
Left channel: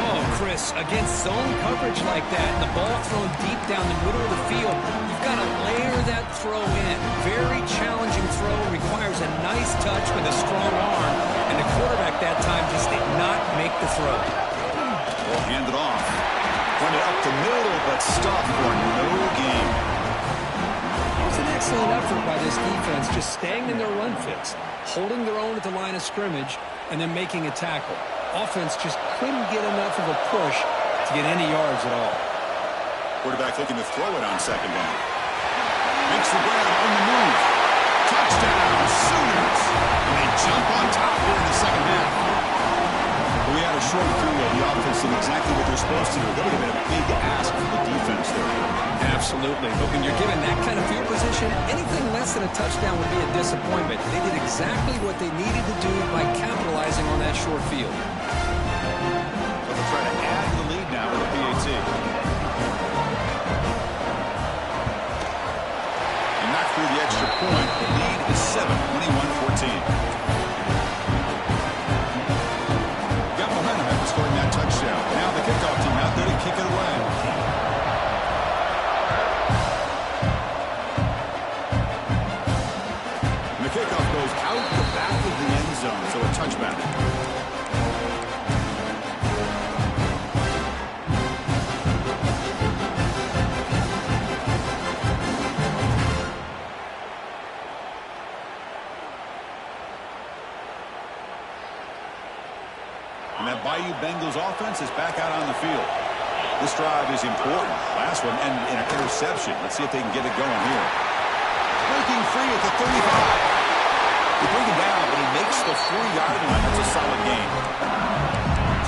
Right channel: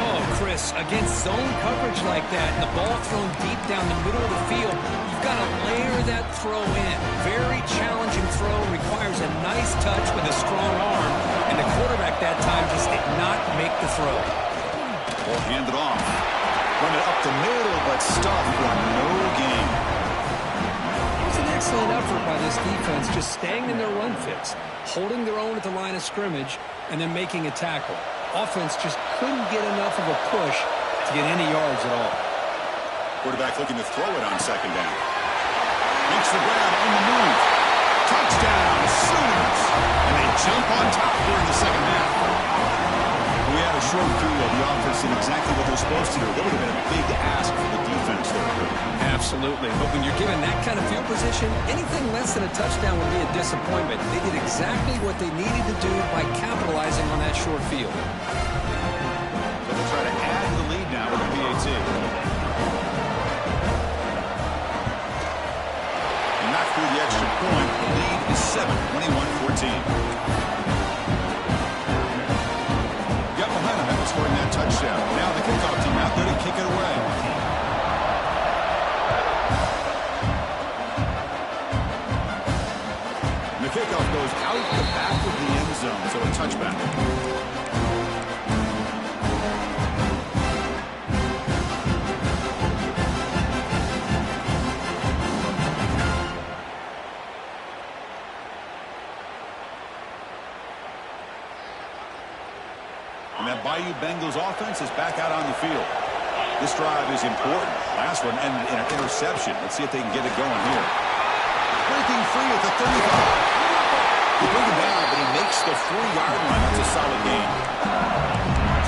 Oh, Chris, against zone coverage like that, and the ball thrown deep down the middle of the field, you've got to layer that throw in. Very challenging throw, requires a nice touch with a strong arm, and the quarterback that time just did not make the throw. Ball handed off. Run it up the middle, but stopped for no gain. It was an excellent effort by this defense, just staying in their run fits, holding their own at the line of scrimmage, and then making a tackle. Offense just couldn't get enough of a push to get any yards at all. Quarterback looking to throw it on 2nd down. Makes the grab on the move. Touchdown, Sooners. And they jump on top here in the second half. We had a short field. The offense did exactly what they're supposed to do. That would have been a big ask for the defense there. Absolutely. But when you're given that kind of field position, anything less than a touchdown would be a disappointment. They did exactly what they needed to do by capitalizing on that short field. So they'll try to add to the lead now with a PAT. And knock through the extra point. The lead is 7, 21-14. Scoring that touchdown. Now the kickoff team out there to kick it away. And the kickoff goes out the back of the end zone, so a touchback. And that Bayou Bengals offense is back out on the field. This drive is important. Last one ended in an interception. Let's see if they can get it going here. Breaking free at the 35. They bring him down, but he makes the 40-yard line. That's a solid gain.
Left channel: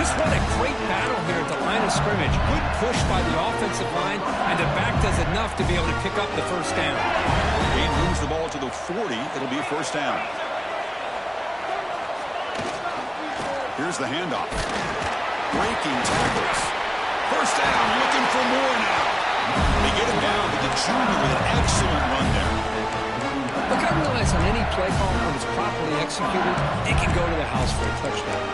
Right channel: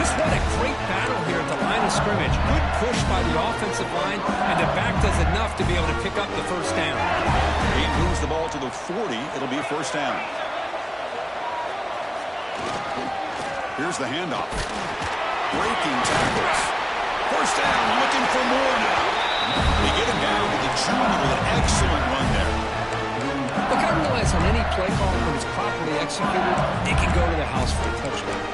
Just what a great battle here at the line of scrimmage. Good push by the offensive line, and the back does enough to be able to pick up the first down. He moves the ball to the 40. It'll be a first down. Here's the handoff. Breaking tackles. First down, looking for more now. They get him down, but the junior with an excellent run there. Look, I realize on any play call, when it's properly executed, it can go to the house for a touchdown.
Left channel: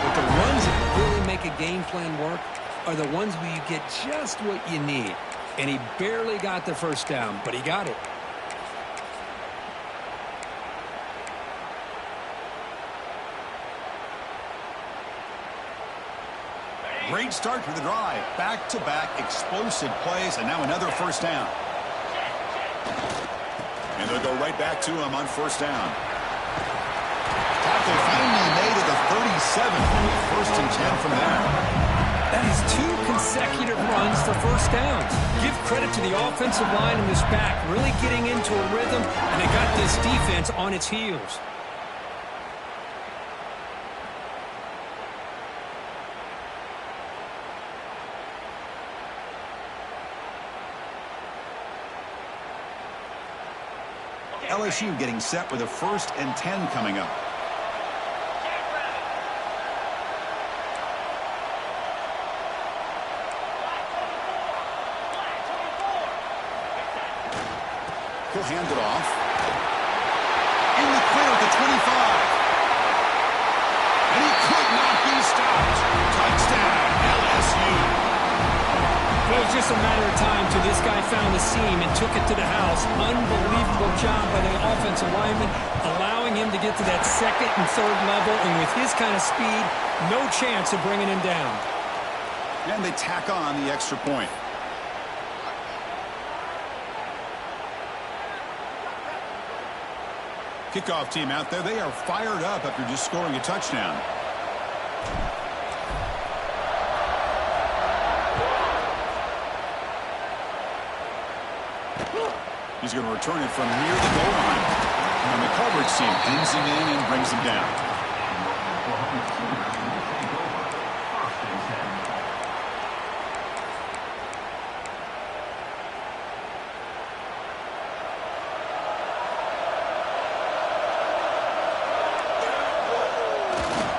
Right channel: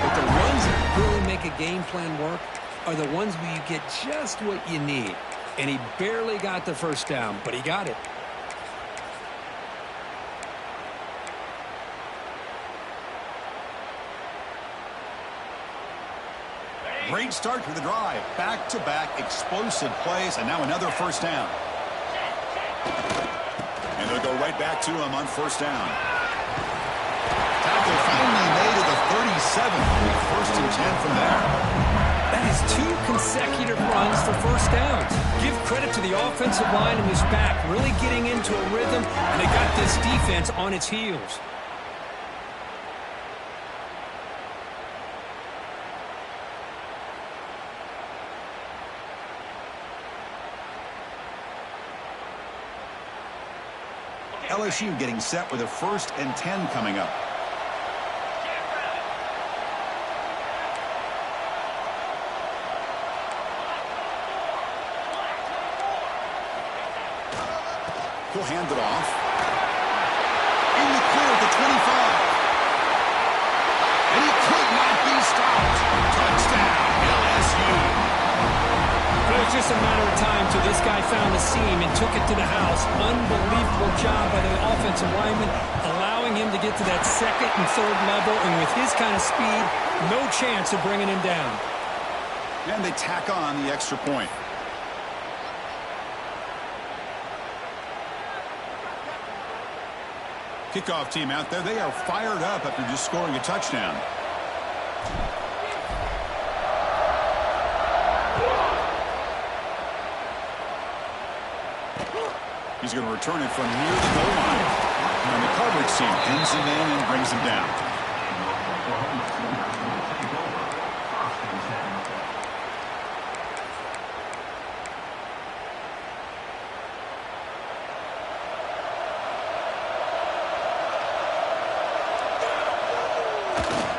But the runs that really make a game plan work are the ones where you get just what you need. And he barely got the first down, but he got it. Great start to the drive. Back-to-back explosive plays, and now another first down. And they'll go right back to him on first down. Tackle finally made at the 37. And first and 10 from there. That is 2 consecutive runs for first downs. Give credit to the offensive line in this back, really getting into a rhythm, and they got this defense on its heels. LSU getting set with a first and 10 coming up. He'll hand it off. In the clear at the 25. And he could not be stopped. Touchdown, LSU. It was just a matter of time till this guy found the seam and took it to the house. Unbelievable job by the offensive lineman, allowing him to get to that second and third level. And with his kind of speed, no chance of bringing him down. And they tack on the extra point. Kickoff team out there, they are fired up after just scoring a touchdown. He's going to return it from near the goal line. And the coverage team pins him in and brings him down.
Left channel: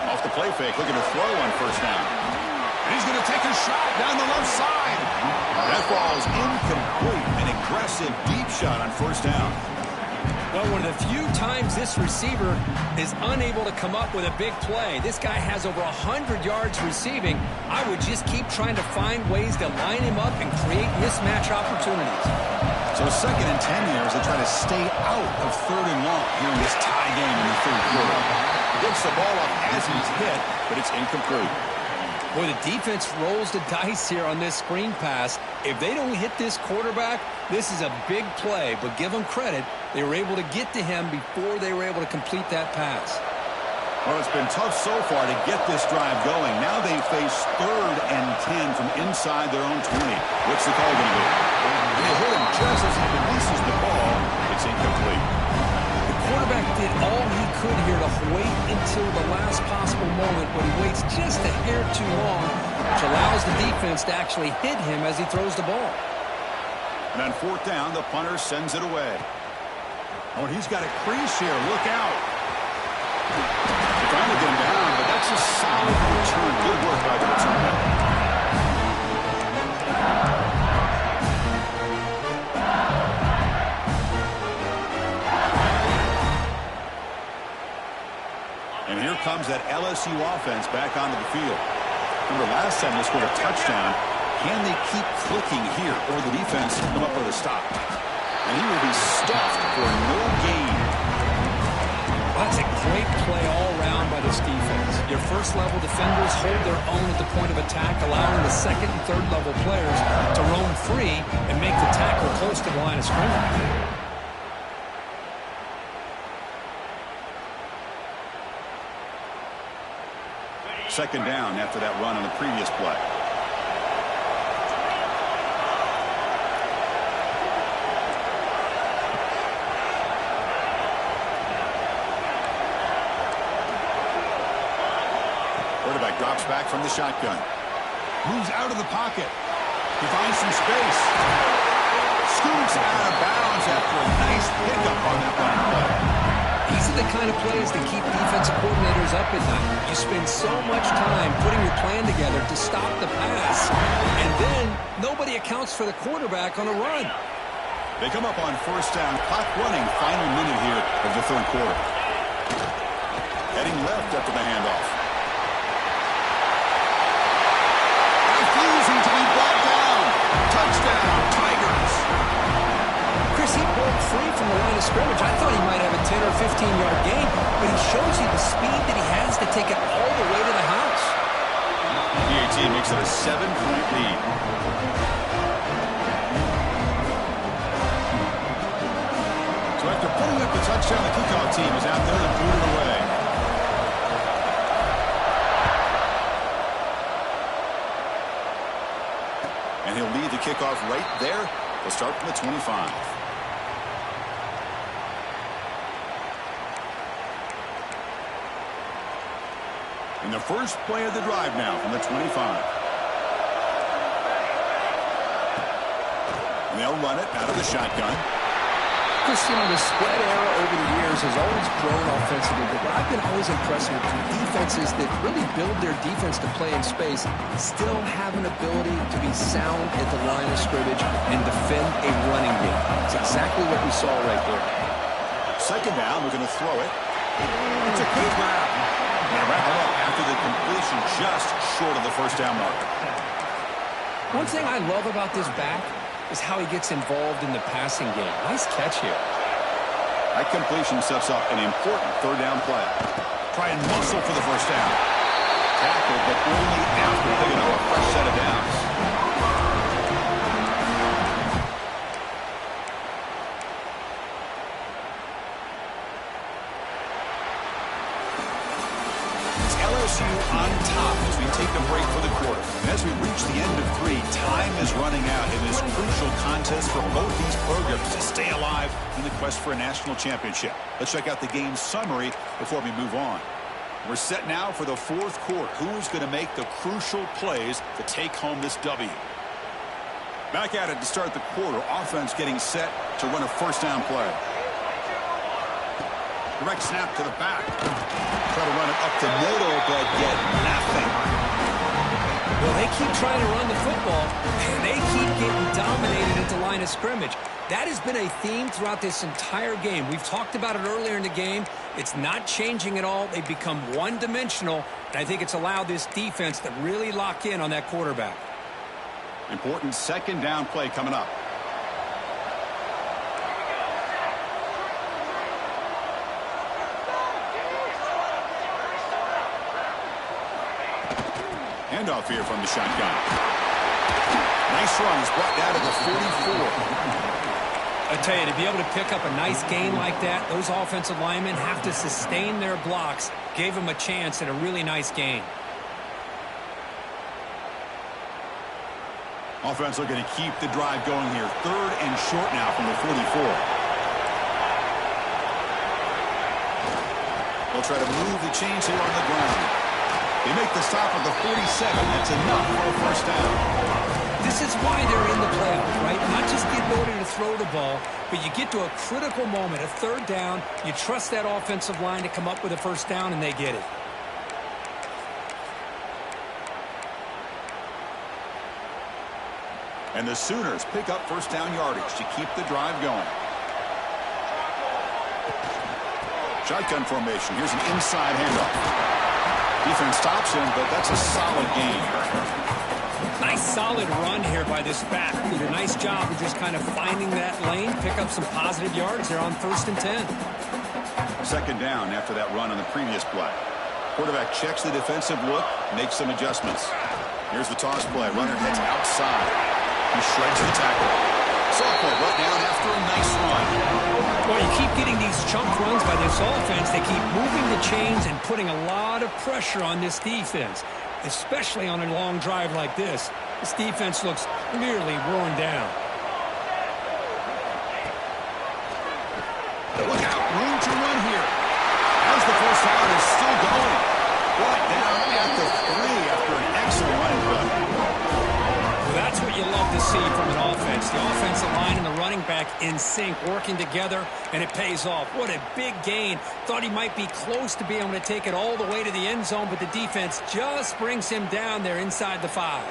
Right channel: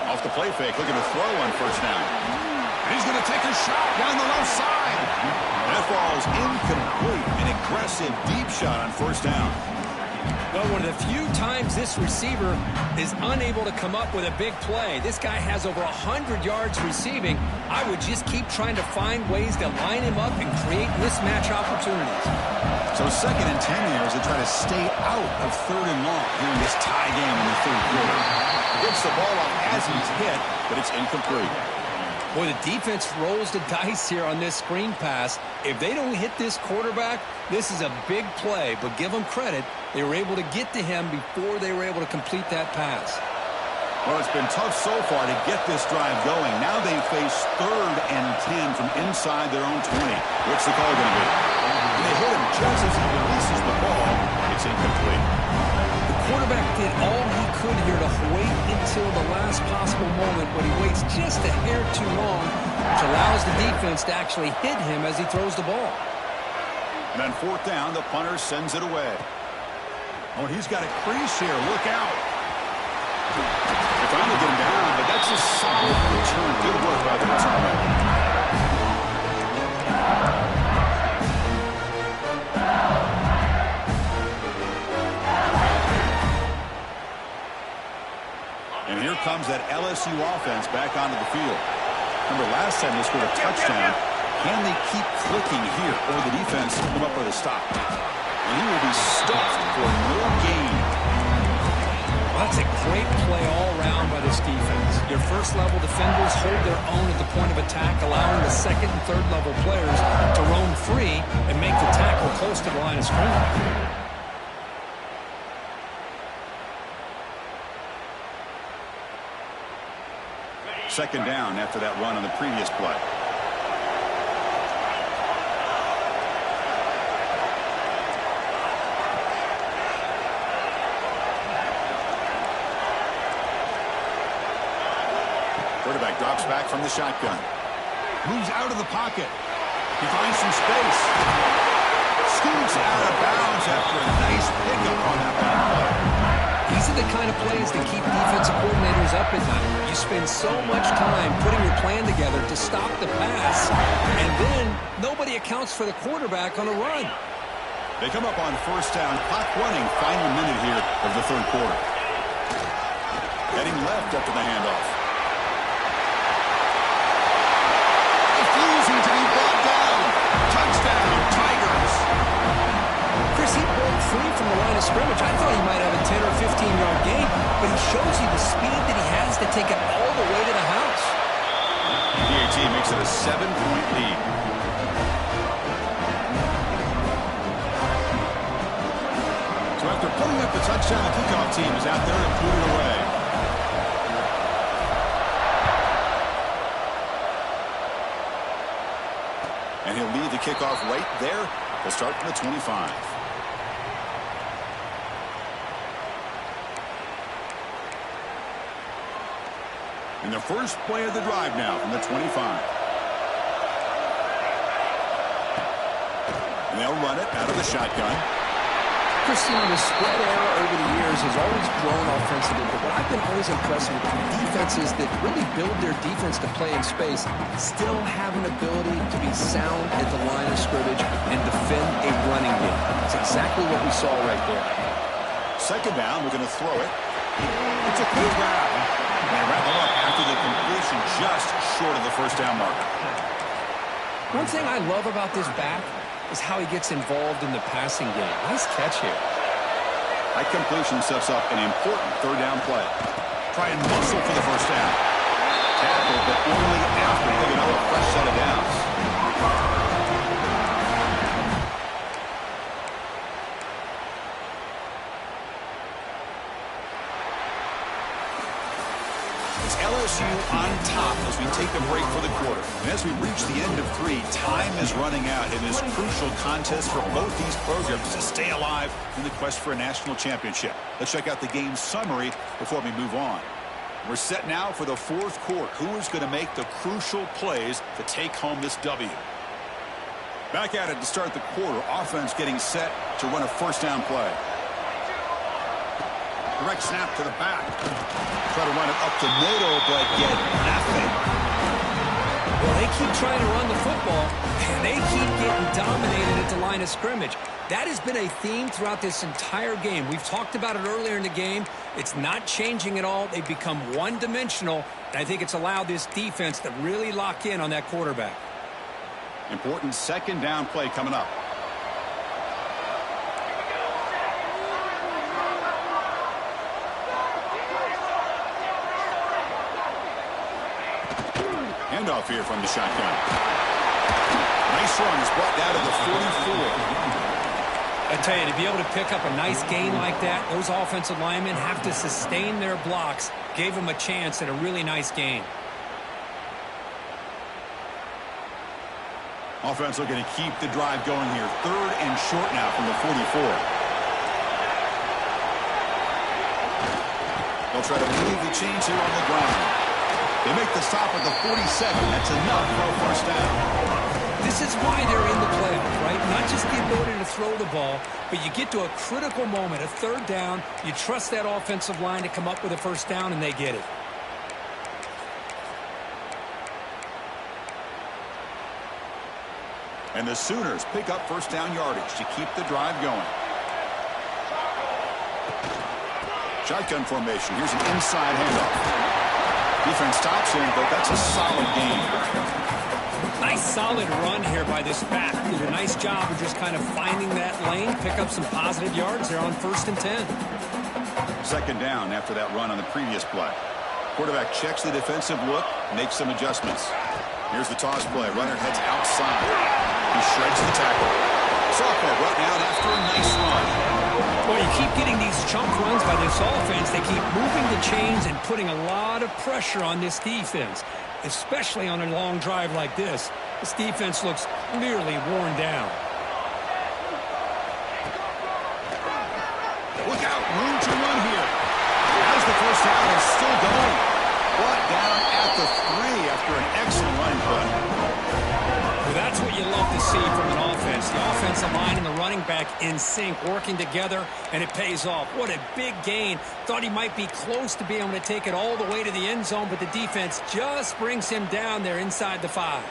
Off the play fake, looking to throw on first down. And he's going to take a shot down the left side. That ball's incomplete. An aggressive deep shot on first down. Well, one of the few times this receiver is unable to come up with a big play. This guy has over 100 yards receiving. I would just keep trying to find ways to line him up and create mismatch opportunities. So second and 10 here as they try to stay out of third and long here in this tie game in the third quarter. Gets the ball up as he's hit, but it's incomplete. Boy, the defense rolls the dice here on this screen pass. If they don't hit this quarterback, this is a big play. But give them credit. They were able to get to him before they were able to complete that pass. Well, it's been tough so far to get this drive going. Now they face third and 10 from inside their own 20. What's the call going to be? And they hit him just as he releases the ball. It's incomplete. The quarterback did all he could here to wait until the last possible moment, but he waits just a hair too long, which allows the defense to actually hit him as he throws the ball. And on fourth down, the punter sends it away. Oh, and he's got a crease here. Look out. They finally get him down, but that's a solid return. Good work by the return man. And here comes that LSU offense back onto the field. Remember, last time they scored a touchdown. Can they keep clicking here, or the defense come up with a stop? And he will be stuffed for no gain. Well, that's a great play all around by this defense. Your first-level defenders hold their own at the point of attack, allowing the second and third-level players to roam free and make the tackle close to the line of scrimmage. Second down after that run on the previous play. Quarterback drops back from the shotgun. Moves out of the pocket. He finds some space. Scoots out of bounds after a nice pickup on that running play. These are the kind of plays that keep defensive coordinators up at night. You spend so much time putting your plan together to stop the pass, and then nobody accounts for the quarterback on a run. They come up on first down, clock running, final minute here of the third quarter. Heading left after the handoff. Refusing to be brought down. Touchdown, Tigers. Chris, he broke free from the line of scrimmage. I thought he might have a 10 or 15-yard gain, but he shows you the speed that he has to take it all the way to the house. PAT makes it a 7-point lead. So after putting up the touchdown, the kickoff team is out there to boot it away. And he'll lead the kickoff right there. They'll start from the 25. And the first play of the drive now from the 25. And they'll run it out of the shotgun. Chris, you know, the spread era over the years has always grown offensively, but what I've been always impressed with defenses that really build their defense to play in space still have an ability to be sound at the line of scrimmage and defend a running game. It's exactly what we saw right there. Second down, we're going to throw it. It's a quick grab. And they wrap him up after the completion just short of the first down marker. One thing I love about this back is how he gets involved in the passing game. Nice catch here. That completion sets up an important third down play. Try and muscle for the first down. Tackle, but only after picking up a fresh set of downs. LSU on top as we take a break for the quarter. And as we reach the end of 3, time is running out in this crucial contest for both these programs to stay alive in the quest for a national championship. Let's check out the game summary before we move on. We're set now for the fourth quarter. Who is going to make the crucial plays to take home this W? Back at it to start the quarter. Offense getting set to run a first down play. Direct snap to the back. Try to run it up the middle, but get nothing. Well, they keep trying to run the football, and they keep getting dominated at the line of scrimmage. That has been a theme throughout this entire game. We've talked about it earlier in the game. It's not changing at all. They've become one-dimensional, and I think it's allowed this defense to really lock in on that quarterback. Important second down play coming up. Handoff here from the shotgun. Nice run. He's brought down to the 44. I tell you, to be able to pick up a nice gain like that, those offensive linemen have to sustain their blocks. Gave him a chance at a really nice gain. Offense looking to keep the drive going here. Third and short now from the 44. They'll try to move the chains here on the ground. They make the stop at the 47. That's enough for a first down. This is why they're in the playoffs, right? Not just the ability to throw the ball, but you get to a critical moment, a third down. You trust that offensive line to come up with a first down, and they get it. And the Sooners pick up first down yardage to keep the drive going. Shotgun formation. Here's an inside handoff. Defense stops him, but that's a solid gain. Nice solid run here by this back. Did a nice job of just kind of finding that lane, pick up some positive yards there on 1st and 10. Second down after that run on the previous play. Quarterback checks the defensive look, makes some adjustments. Here's the toss play. Runner heads outside. He shreds the tackle. Sophomore brought down after a nice run. Well, you keep getting these chunk runs by this offense. They keep moving the chains and putting a lot of pressure on this defense, especially on a long drive like this. This defense looks clearly worn down. Look out, room to run here. As the first down is still going. Brought down at the 3 after an excellent running play. Well, that's what you love to see from an offense. The offensive line and the running back in sync, working together, and it pays off. What a big gain. Thought he might be close to being able to take it all the way to the end zone, but the defense just brings him down there inside the 5.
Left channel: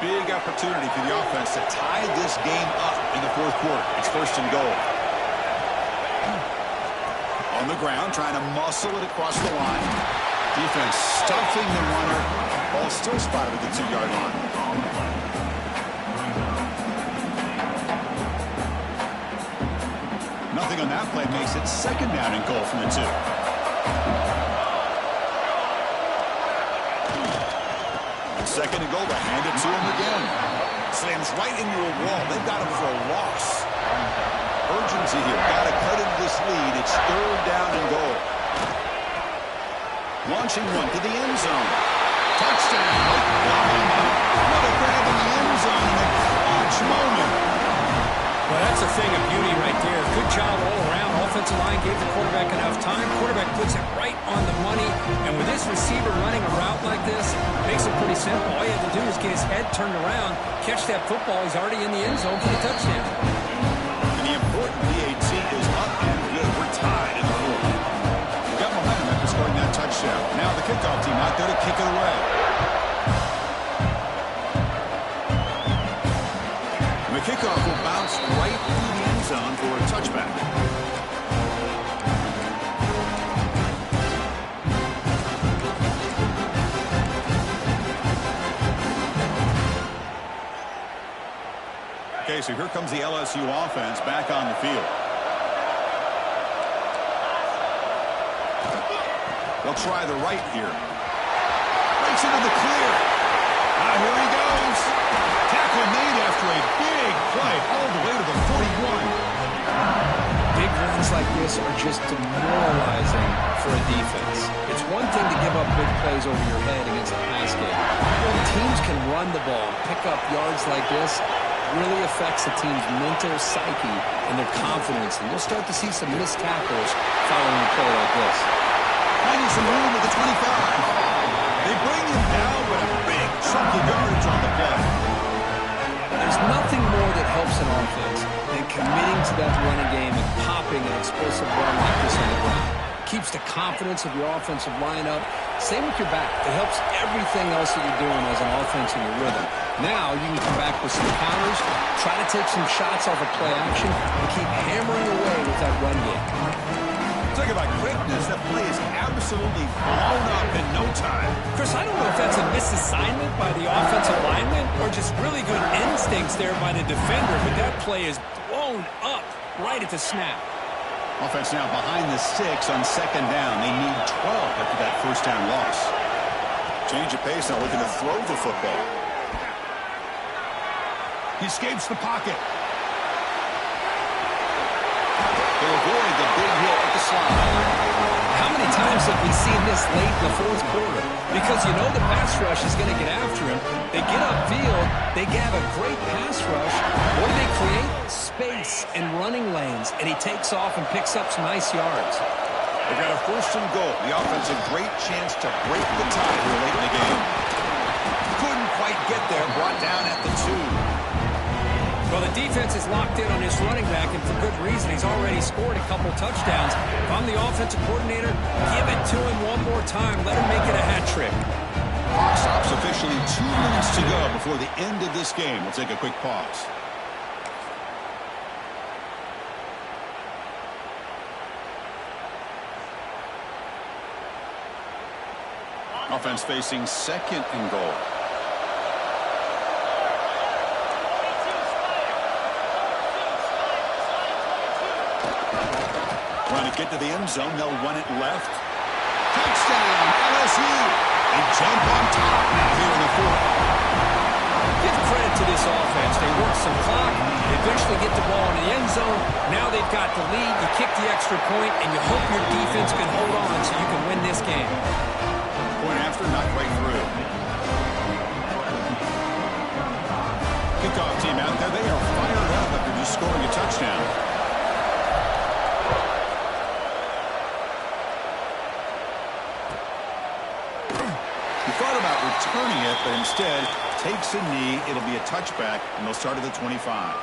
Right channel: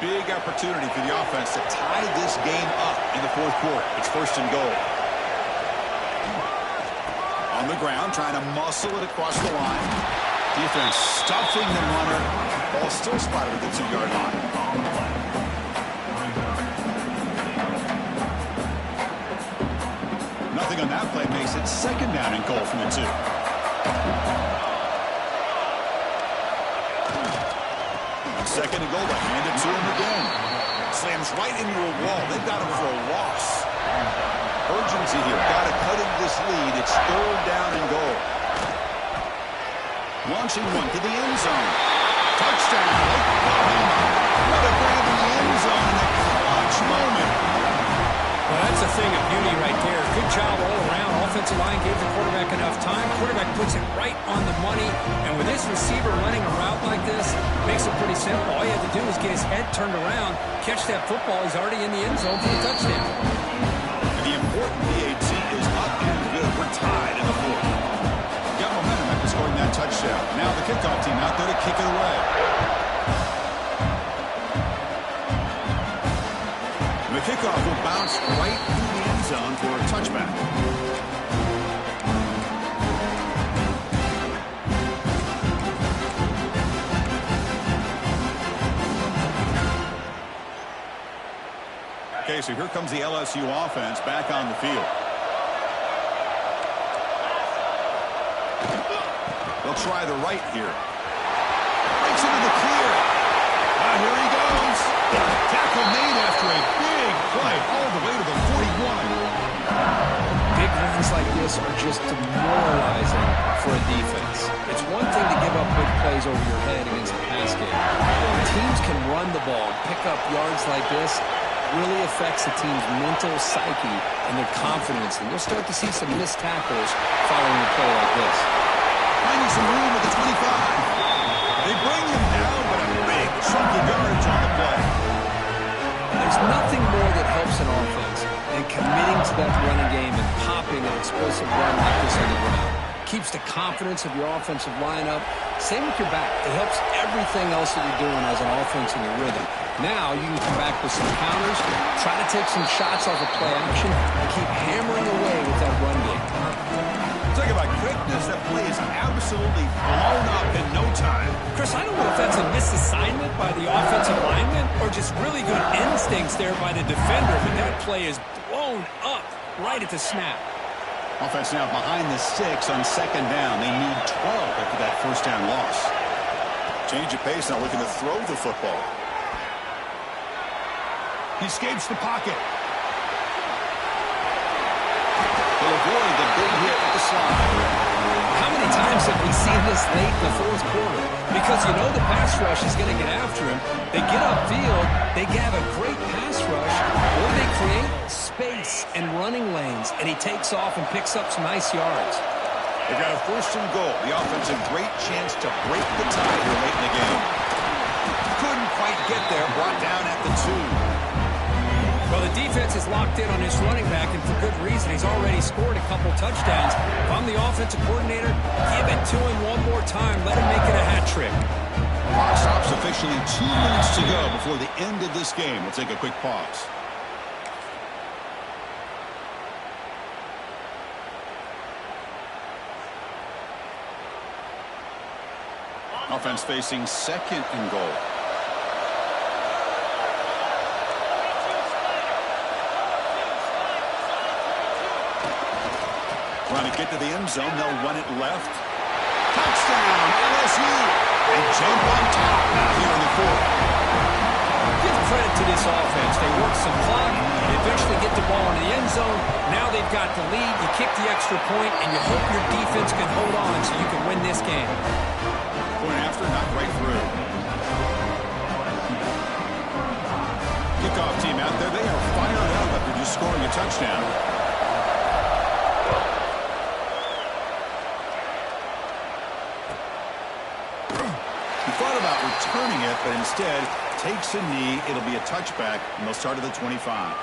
Big opportunity for the offense to tie this game up in the fourth quarter. It's 1st and goal. On the ground, trying to muscle it across the line. Defense stuffing the runner. Ball still spotted at the 2-yard line. Nothing on that play makes it 2nd down and goal from the 2. Second and goal, to hand it to him again. Slams right into a wall. They've got him for a loss. Urgency here. Got to cut into this lead. It's 3rd down and goal. Launching one to the end zone. Touchdown. Oklahoma. What a grab in the end zone in a clutch moment. Well, that's a thing of beauty right there. Good job all around. Offensive line gave the quarterback enough time. Quarterback puts it right on the money. And with this receiver running a route like this, makes it pretty simple. All you have to do is get his head turned around, catch that football. He's already in the end zone for the touchdown. And the important PAT is up and good. We're tied in the 4th. We got momentum after scoring that touchdown. Now the kickoff team out there to kick it away. The kickoff will bounce right through the end zone for a touchback. Okay, so here comes the LSU offense back on the field. They'll try the right here. Breaks into the clear. Now here he goes. Tackle made after a big play all the way to the 41. Big runs like this are just demoralizing for a defense. It's one thing to give up big plays over your head against the pass game. When teams can run the ball and pick up yards like this, really affects the team's mental psyche and their confidence. And you'll start to see some missed tackles following a play like this. Finding some room at the 25. They bring him down, but a big chunk of yardage on the play. There's nothing more that helps an offense than committing to that running game and popping an explosive run like this on the ground. Keeps the confidence of your offensive lineup. Same with your back. It helps everything else that you're doing as an offense in your rhythm. Now you can come back with some counters, try to take some shots off of play action, and keep hammering away with that run game. Talk about quickness. That play is absolutely blown up in no time. Chris, I don't know if that's a misassignment by the offensive lineman or just really good instincts there by the defender, but that play is blown up right at the snap. Offense now behind the 6 on 2nd down. They need 12 after that 1st down loss. Change of pace now, looking to throw the football. He escapes the pocket. He'll avoid the big hit with the slide. How many times have we seen this late in the 4th quarter? Because you know the pass rush is going to get after him. They get upfield. They have a great pass rush. What do they create? Space and running lanes. And he takes off and picks up some nice yards. They've got a 1st and goal. The offense a great chance to break the tie here late in the game. Couldn't quite get there. Brought down at the 2. Well, the defense is locked in on this running back, and for good reason. He's already scored a couple touchdowns. If I'm the offensive coordinator, give it to him one more time. Let him make it a hat trick. Clock stops officially 2 minutes to go before the end of this game. We'll take a quick pause. Offense facing 2nd and goal. Trying to get to the end zone. They'll run it left. Touchdown, LSU. They jump on top now here in the 4th. Give credit to this offense. They work some clock. They eventually get the ball in the end zone. Now they've got the lead. You kick the extra point, and you hope your defense can hold on so you can win this game. Point after, knocked right through. Kickoff team out there. They are fired up after just scoring a touchdown. about returning it, but instead takes a knee. It'll be a touchback, and they'll start at the 25.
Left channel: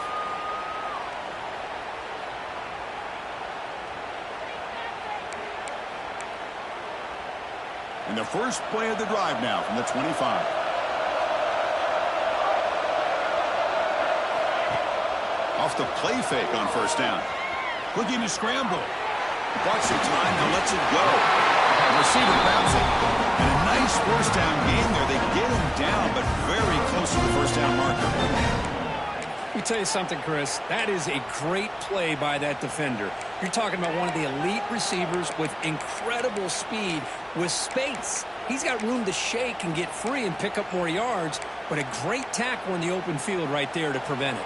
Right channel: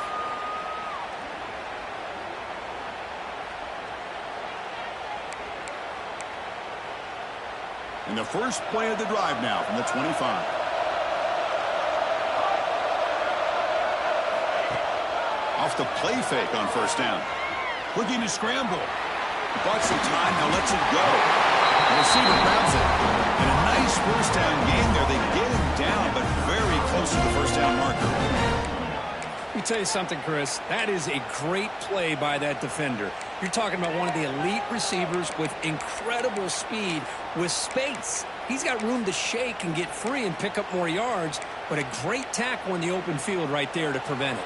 And the first play of the drive now from the 25. Off the play fake on first down. Looking to scramble. Bought some time, now lets it go. The receiver grabs it. And a nice first down gain there. They get him down, but very close to the first down marker. Let me tell you something, Chris. That is a great play by that defender. You're talking about one of the elite receivers with incredible speed, with space. He's got room to shake and get free and pick up more yards, but a great tackle in the open field right there to prevent it.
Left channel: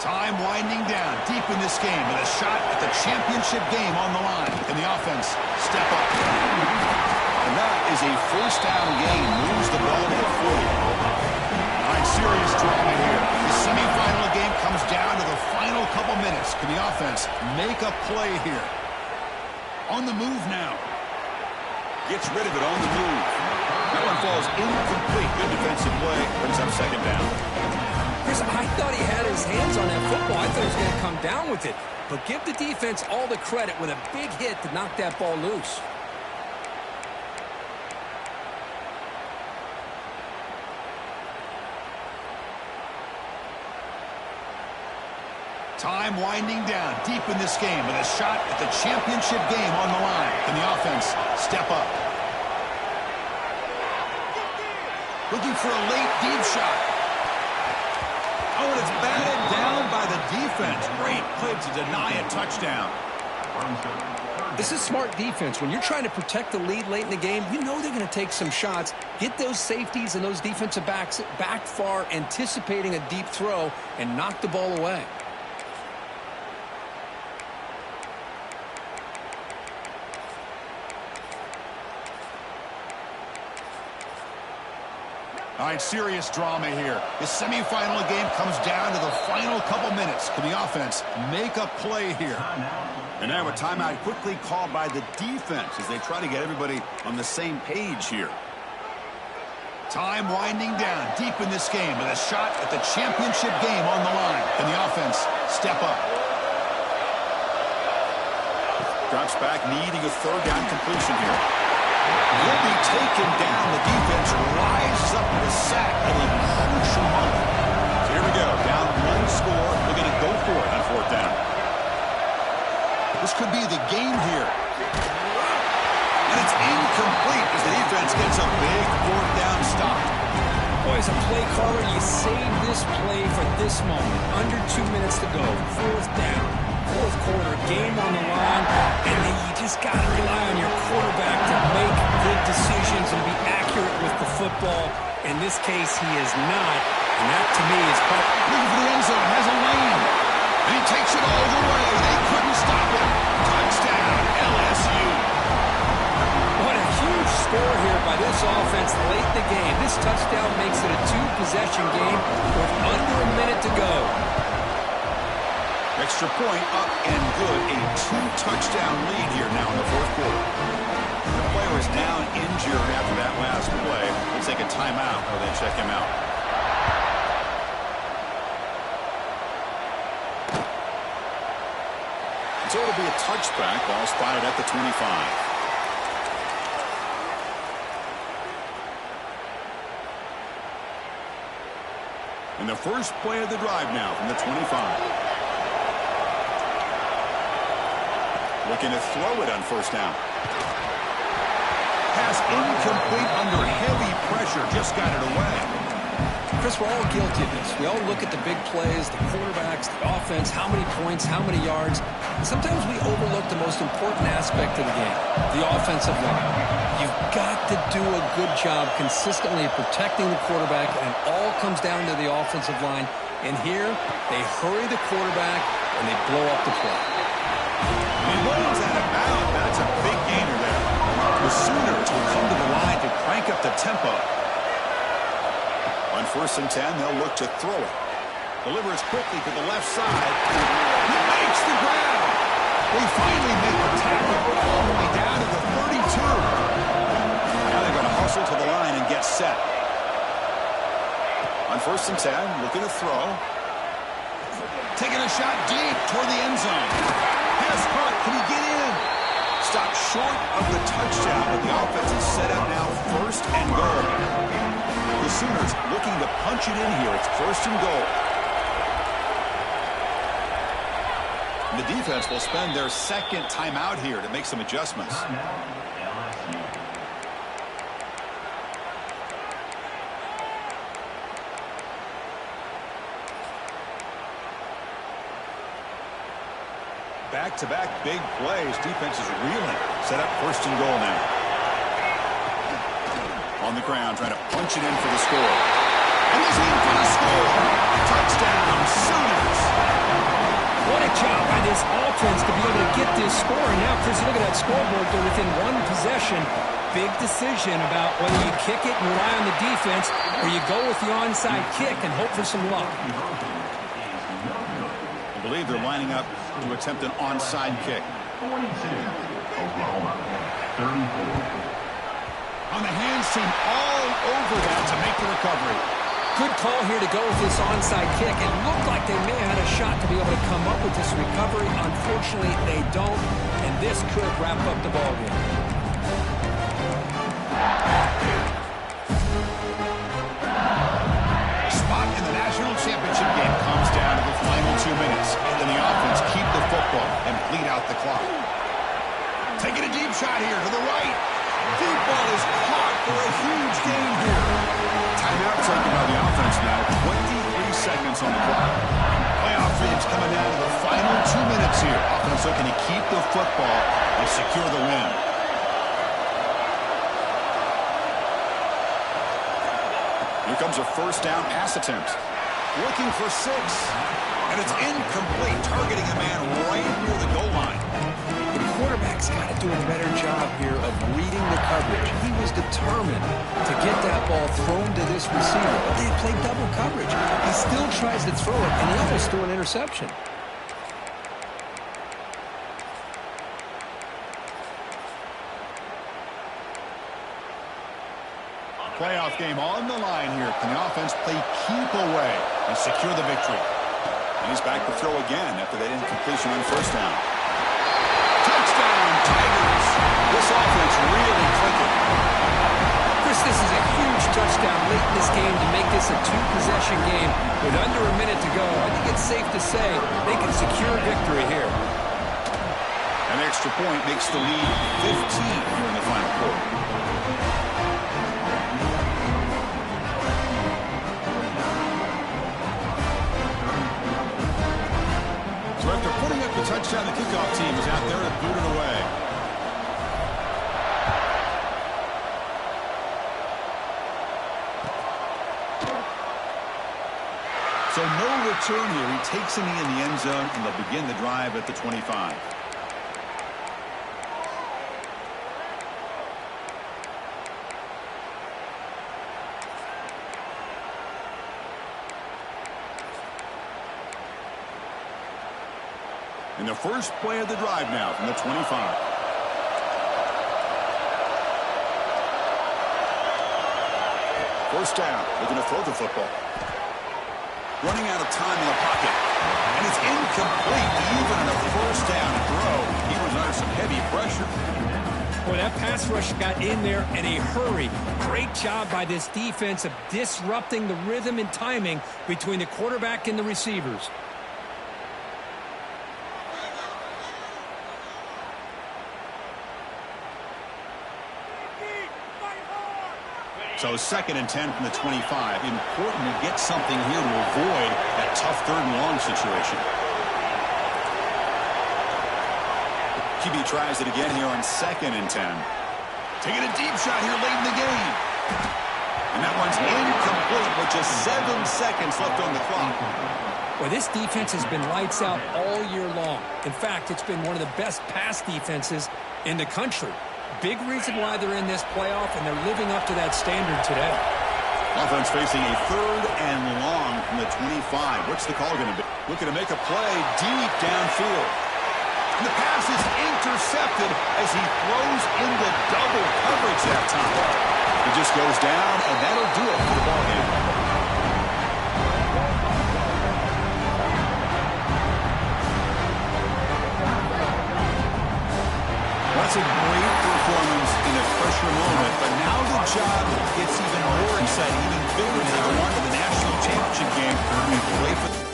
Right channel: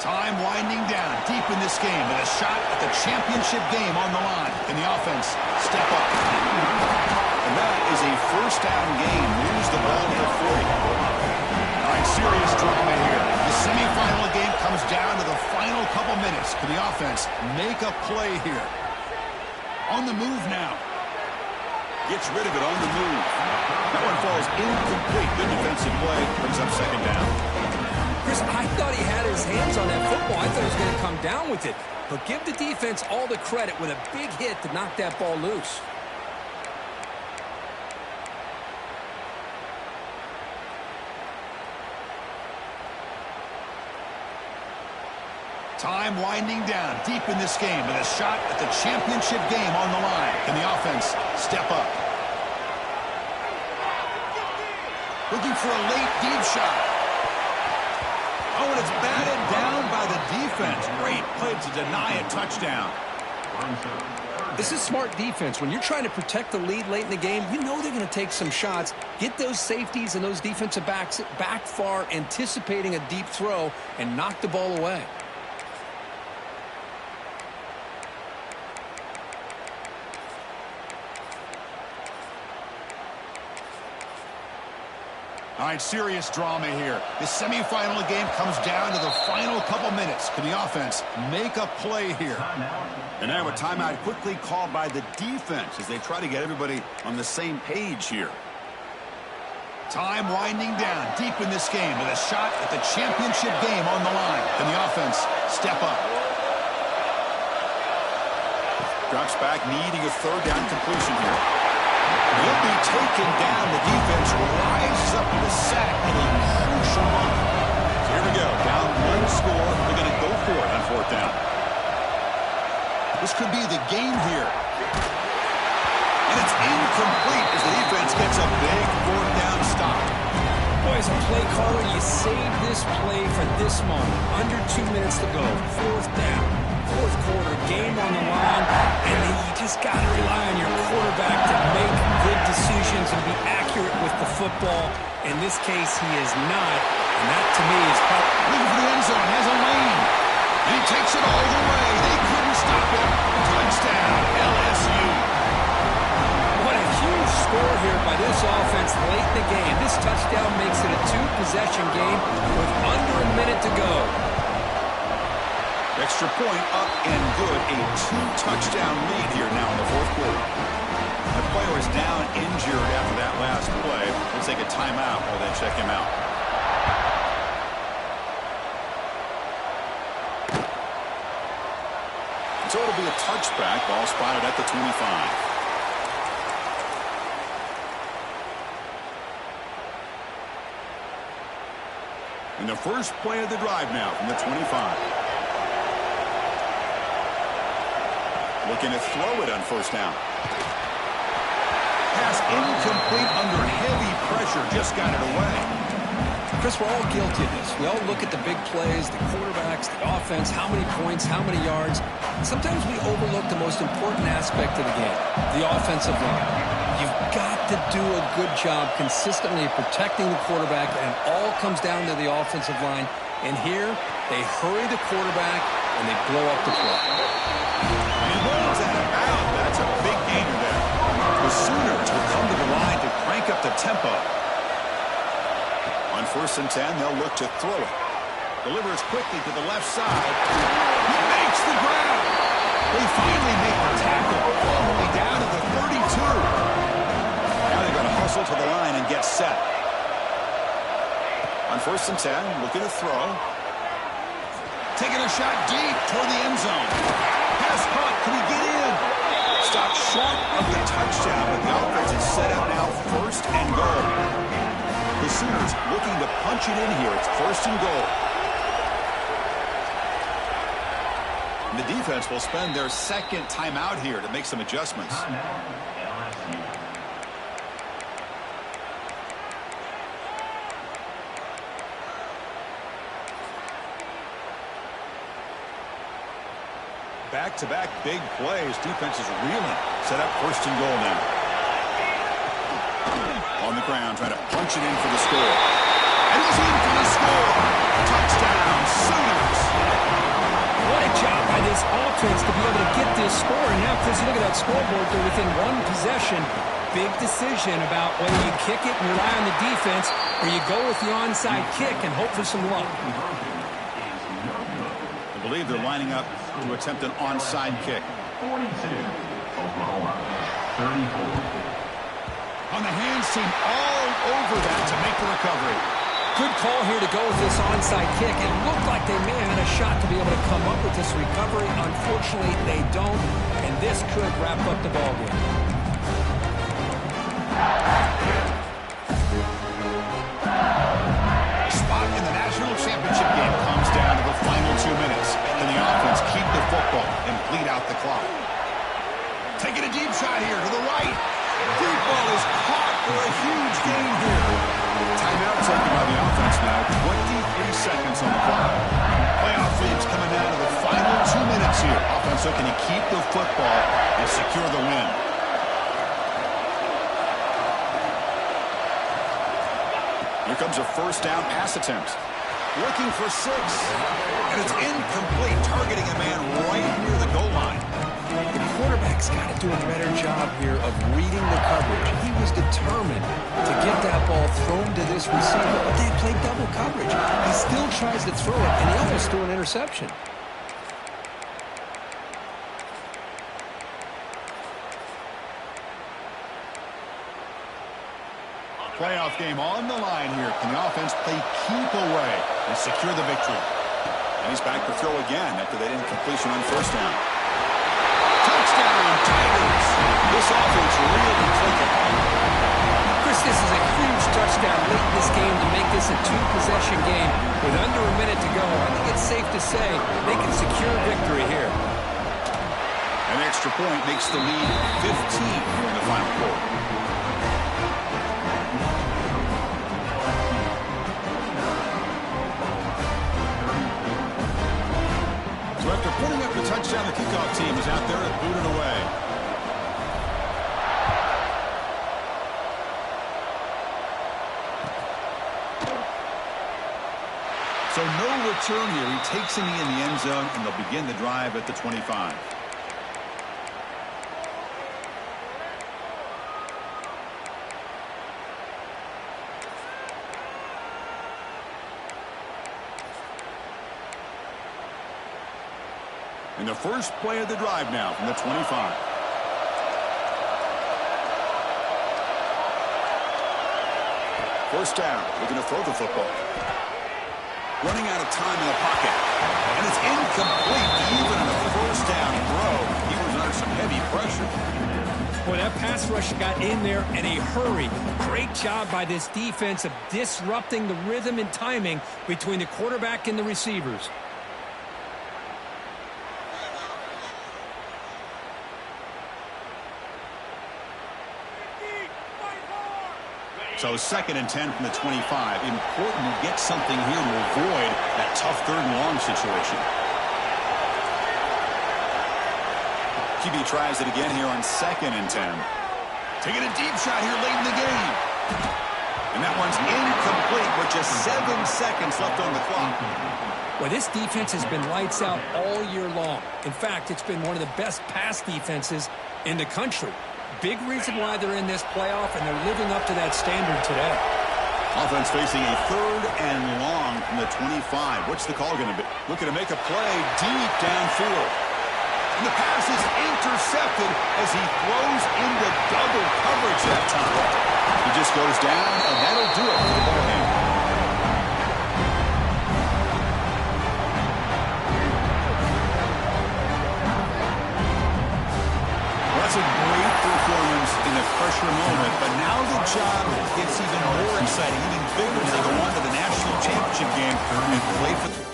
Time winding down deep in this game with a shot at the championship game on the line. Can the offense step up? And that is a first down gain. Moves the ball to the 40. All right, serious drama here. The semifinal game comes down to the final couple minutes. Can the offense make a play here? On the move now. Gets rid of it on the move. That one falls incomplete. Good defensive play. Brings up second down. Chris, I thought he had his hands on that football. I thought he was going to come down with it. But give the defense all the credit with a big hit to knock that ball loose. Time winding down deep in this game with a shot at the championship game on the line. Can the offense step up? Looking for a late deep shot. Oh, and it's batted down by the defense. Great play to deny a touchdown. This is smart defense. When you're trying to protect the lead late in the game, you know they're going to take some shots. Get those safeties and those defensive backs back far, anticipating a deep throw, and knock the ball away. All right, serious drama here. The semifinal game comes down to the final couple minutes. Can the offense make a play here? And now a timeout quickly called by the defense as they try to get everybody on the same page here. Time winding down deep in this game with a shot at the championship game on the line. Can the offense step up? Drops back, needing a third down completion here. He'll be taken down. The defense rises up with a sack at a crucial moment. So here we go. Down one score. They're going to go for it on fourth down. This could be the game here. And it's incomplete as the defense gets a big fourth down stop. Boy, as a play caller, you save this play for this moment. Under 2 minutes to go. Fourth down. Fourth quarter, game on the line, and then you just got to rely on your quarterback to make good decisions and be accurate with the football. In this case, he is not, and that to me is probably... Looking for the end zone, has a lane, and he takes it all the way. They couldn't stop him. Touchdown, LSU. What a huge score here by this offense late in the game. This touchdown makes it a two-possession game with under a minute to go. Extra point up and good. A two-touchdown lead here now in the fourth quarter. The player is down injured after that last play. We'll take a timeout while they check him out. So it'll be a touchback. Ball spotted at the 25. And the first play of the drive now from the 25. Looking to throw it on first down. Pass incomplete under heavy pressure. Just got it away. Chris, we're all guilty of this. We all look at the big plays, the quarterbacks, the offense, how many points, how many yards. Sometimes we overlook the most important aspect of the game, the offensive line. You've got to do a good job consistently protecting the quarterback, and it all comes down to the offensive line. And here, they hurry the quarterback, and they blow up the play. He rolls out of bounds. That's a big gainer there. The Sooners will come to the line to crank up the tempo. On 1st and 10, they'll look to throw it. Delivers quickly to the left side. He makes the grab. They finally make the tackle all the way down to the 32. Now they go got to hustle to the line and get set. On 1st and 10, looking to throw. Taking a shot deep toward the end zone. Pass caught. Can he get in? Stopped short of the touchdown, but the offense is set up now 1st and goal. The Sooners looking to punch it in here. It's 1st and goal. And the defense will spend their 2nd timeout here to make some adjustments. Back-to-back big plays. Defense is reeling. Set up 1st and goal now. On the ground, trying to punch it in for the score. And he's in for the score. Touchdown, Sooners. What a job by this offense to be able to get this score. And now, Chris, you look at that scoreboard. They're within 1 possession. Big decision about whether you kick it and rely on the defense or you go with the onside kick and hope for some luck. I believe they're lining up to attempt an onside kick. 42, Oklahoma, 34. On the hands team all over that to make the recovery. Good call here to go with this onside kick. It looked like they may have had a shot to be able to come up with this recovery. Unfortunately, they don't, and this could wrap up the ballgame. A spot in the national championship game comes down to the final 2 minutes. Then the offense keep the football and bleed out the clock. Taking a deep shot here to the right. Deep ball is caught for a huge gain here. Timeout taken by the offense now. 23 seconds on the clock. Playoff dreams coming down to the final 2 minutes here. Offense looking to keep the football and secure the win. Here comes a 1st down pass attempt. Looking for 6. And it's incomplete, targeting a man right near the goal line. The quarterback's got to do a better job here of reading the coverage. He was determined to get that ball thrown to this receiver, but they played double coverage. He still tries to throw it, and he almost threw an interception. Playoff game on the line here. Can the offense play keep away and secure the victory? And he's back to throw again after that incompletion on 1st down. Touchdown, Tigers. This offense really clicking. Chris, this is a huge touchdown late in this game to make this a 2-possession game with under a minute to go. I think it's safe to say they can secure victory here. An extra point makes the lead 15 here in the final quarter. So after putting up the touchdown, the kickoff team is out there to boot it away. So no return here. He takes a knee in the end zone, and they'll begin the drive at the 25. And the first play of the drive now from the 25. First down, looking to throw the football. Running out of time in the pocket. And it's incomplete. Even on a first down throw, he was under some heavy pressure. Boy, that pass rush got in there in a hurry. Great job by this defense of disrupting the rhythm and timing between the quarterback and the receivers. So 2nd and 10 from the 25. Important to get something here to avoid that tough 3rd and long situation. QB tries it again here on 2nd and 10. Taking a deep shot here late in the game. And that one's incomplete with just 7 seconds left on the clock. Well, this defense has been lights out all year long. In fact, it's been one of the best pass defenses in the country. Big reason why they're in this playoff, and they're living up to that standard today. Offense facing a 3rd and long from the 25. What's the call going to be? Looking to make a play deep downfield. And the pass is intercepted as he throws into double coverage that time. He just goes down, and that'll do it for the ball game. That's a great performance in a pressure moment, but now the job gets even more exciting, even bigger as they go on to the national championship game and play for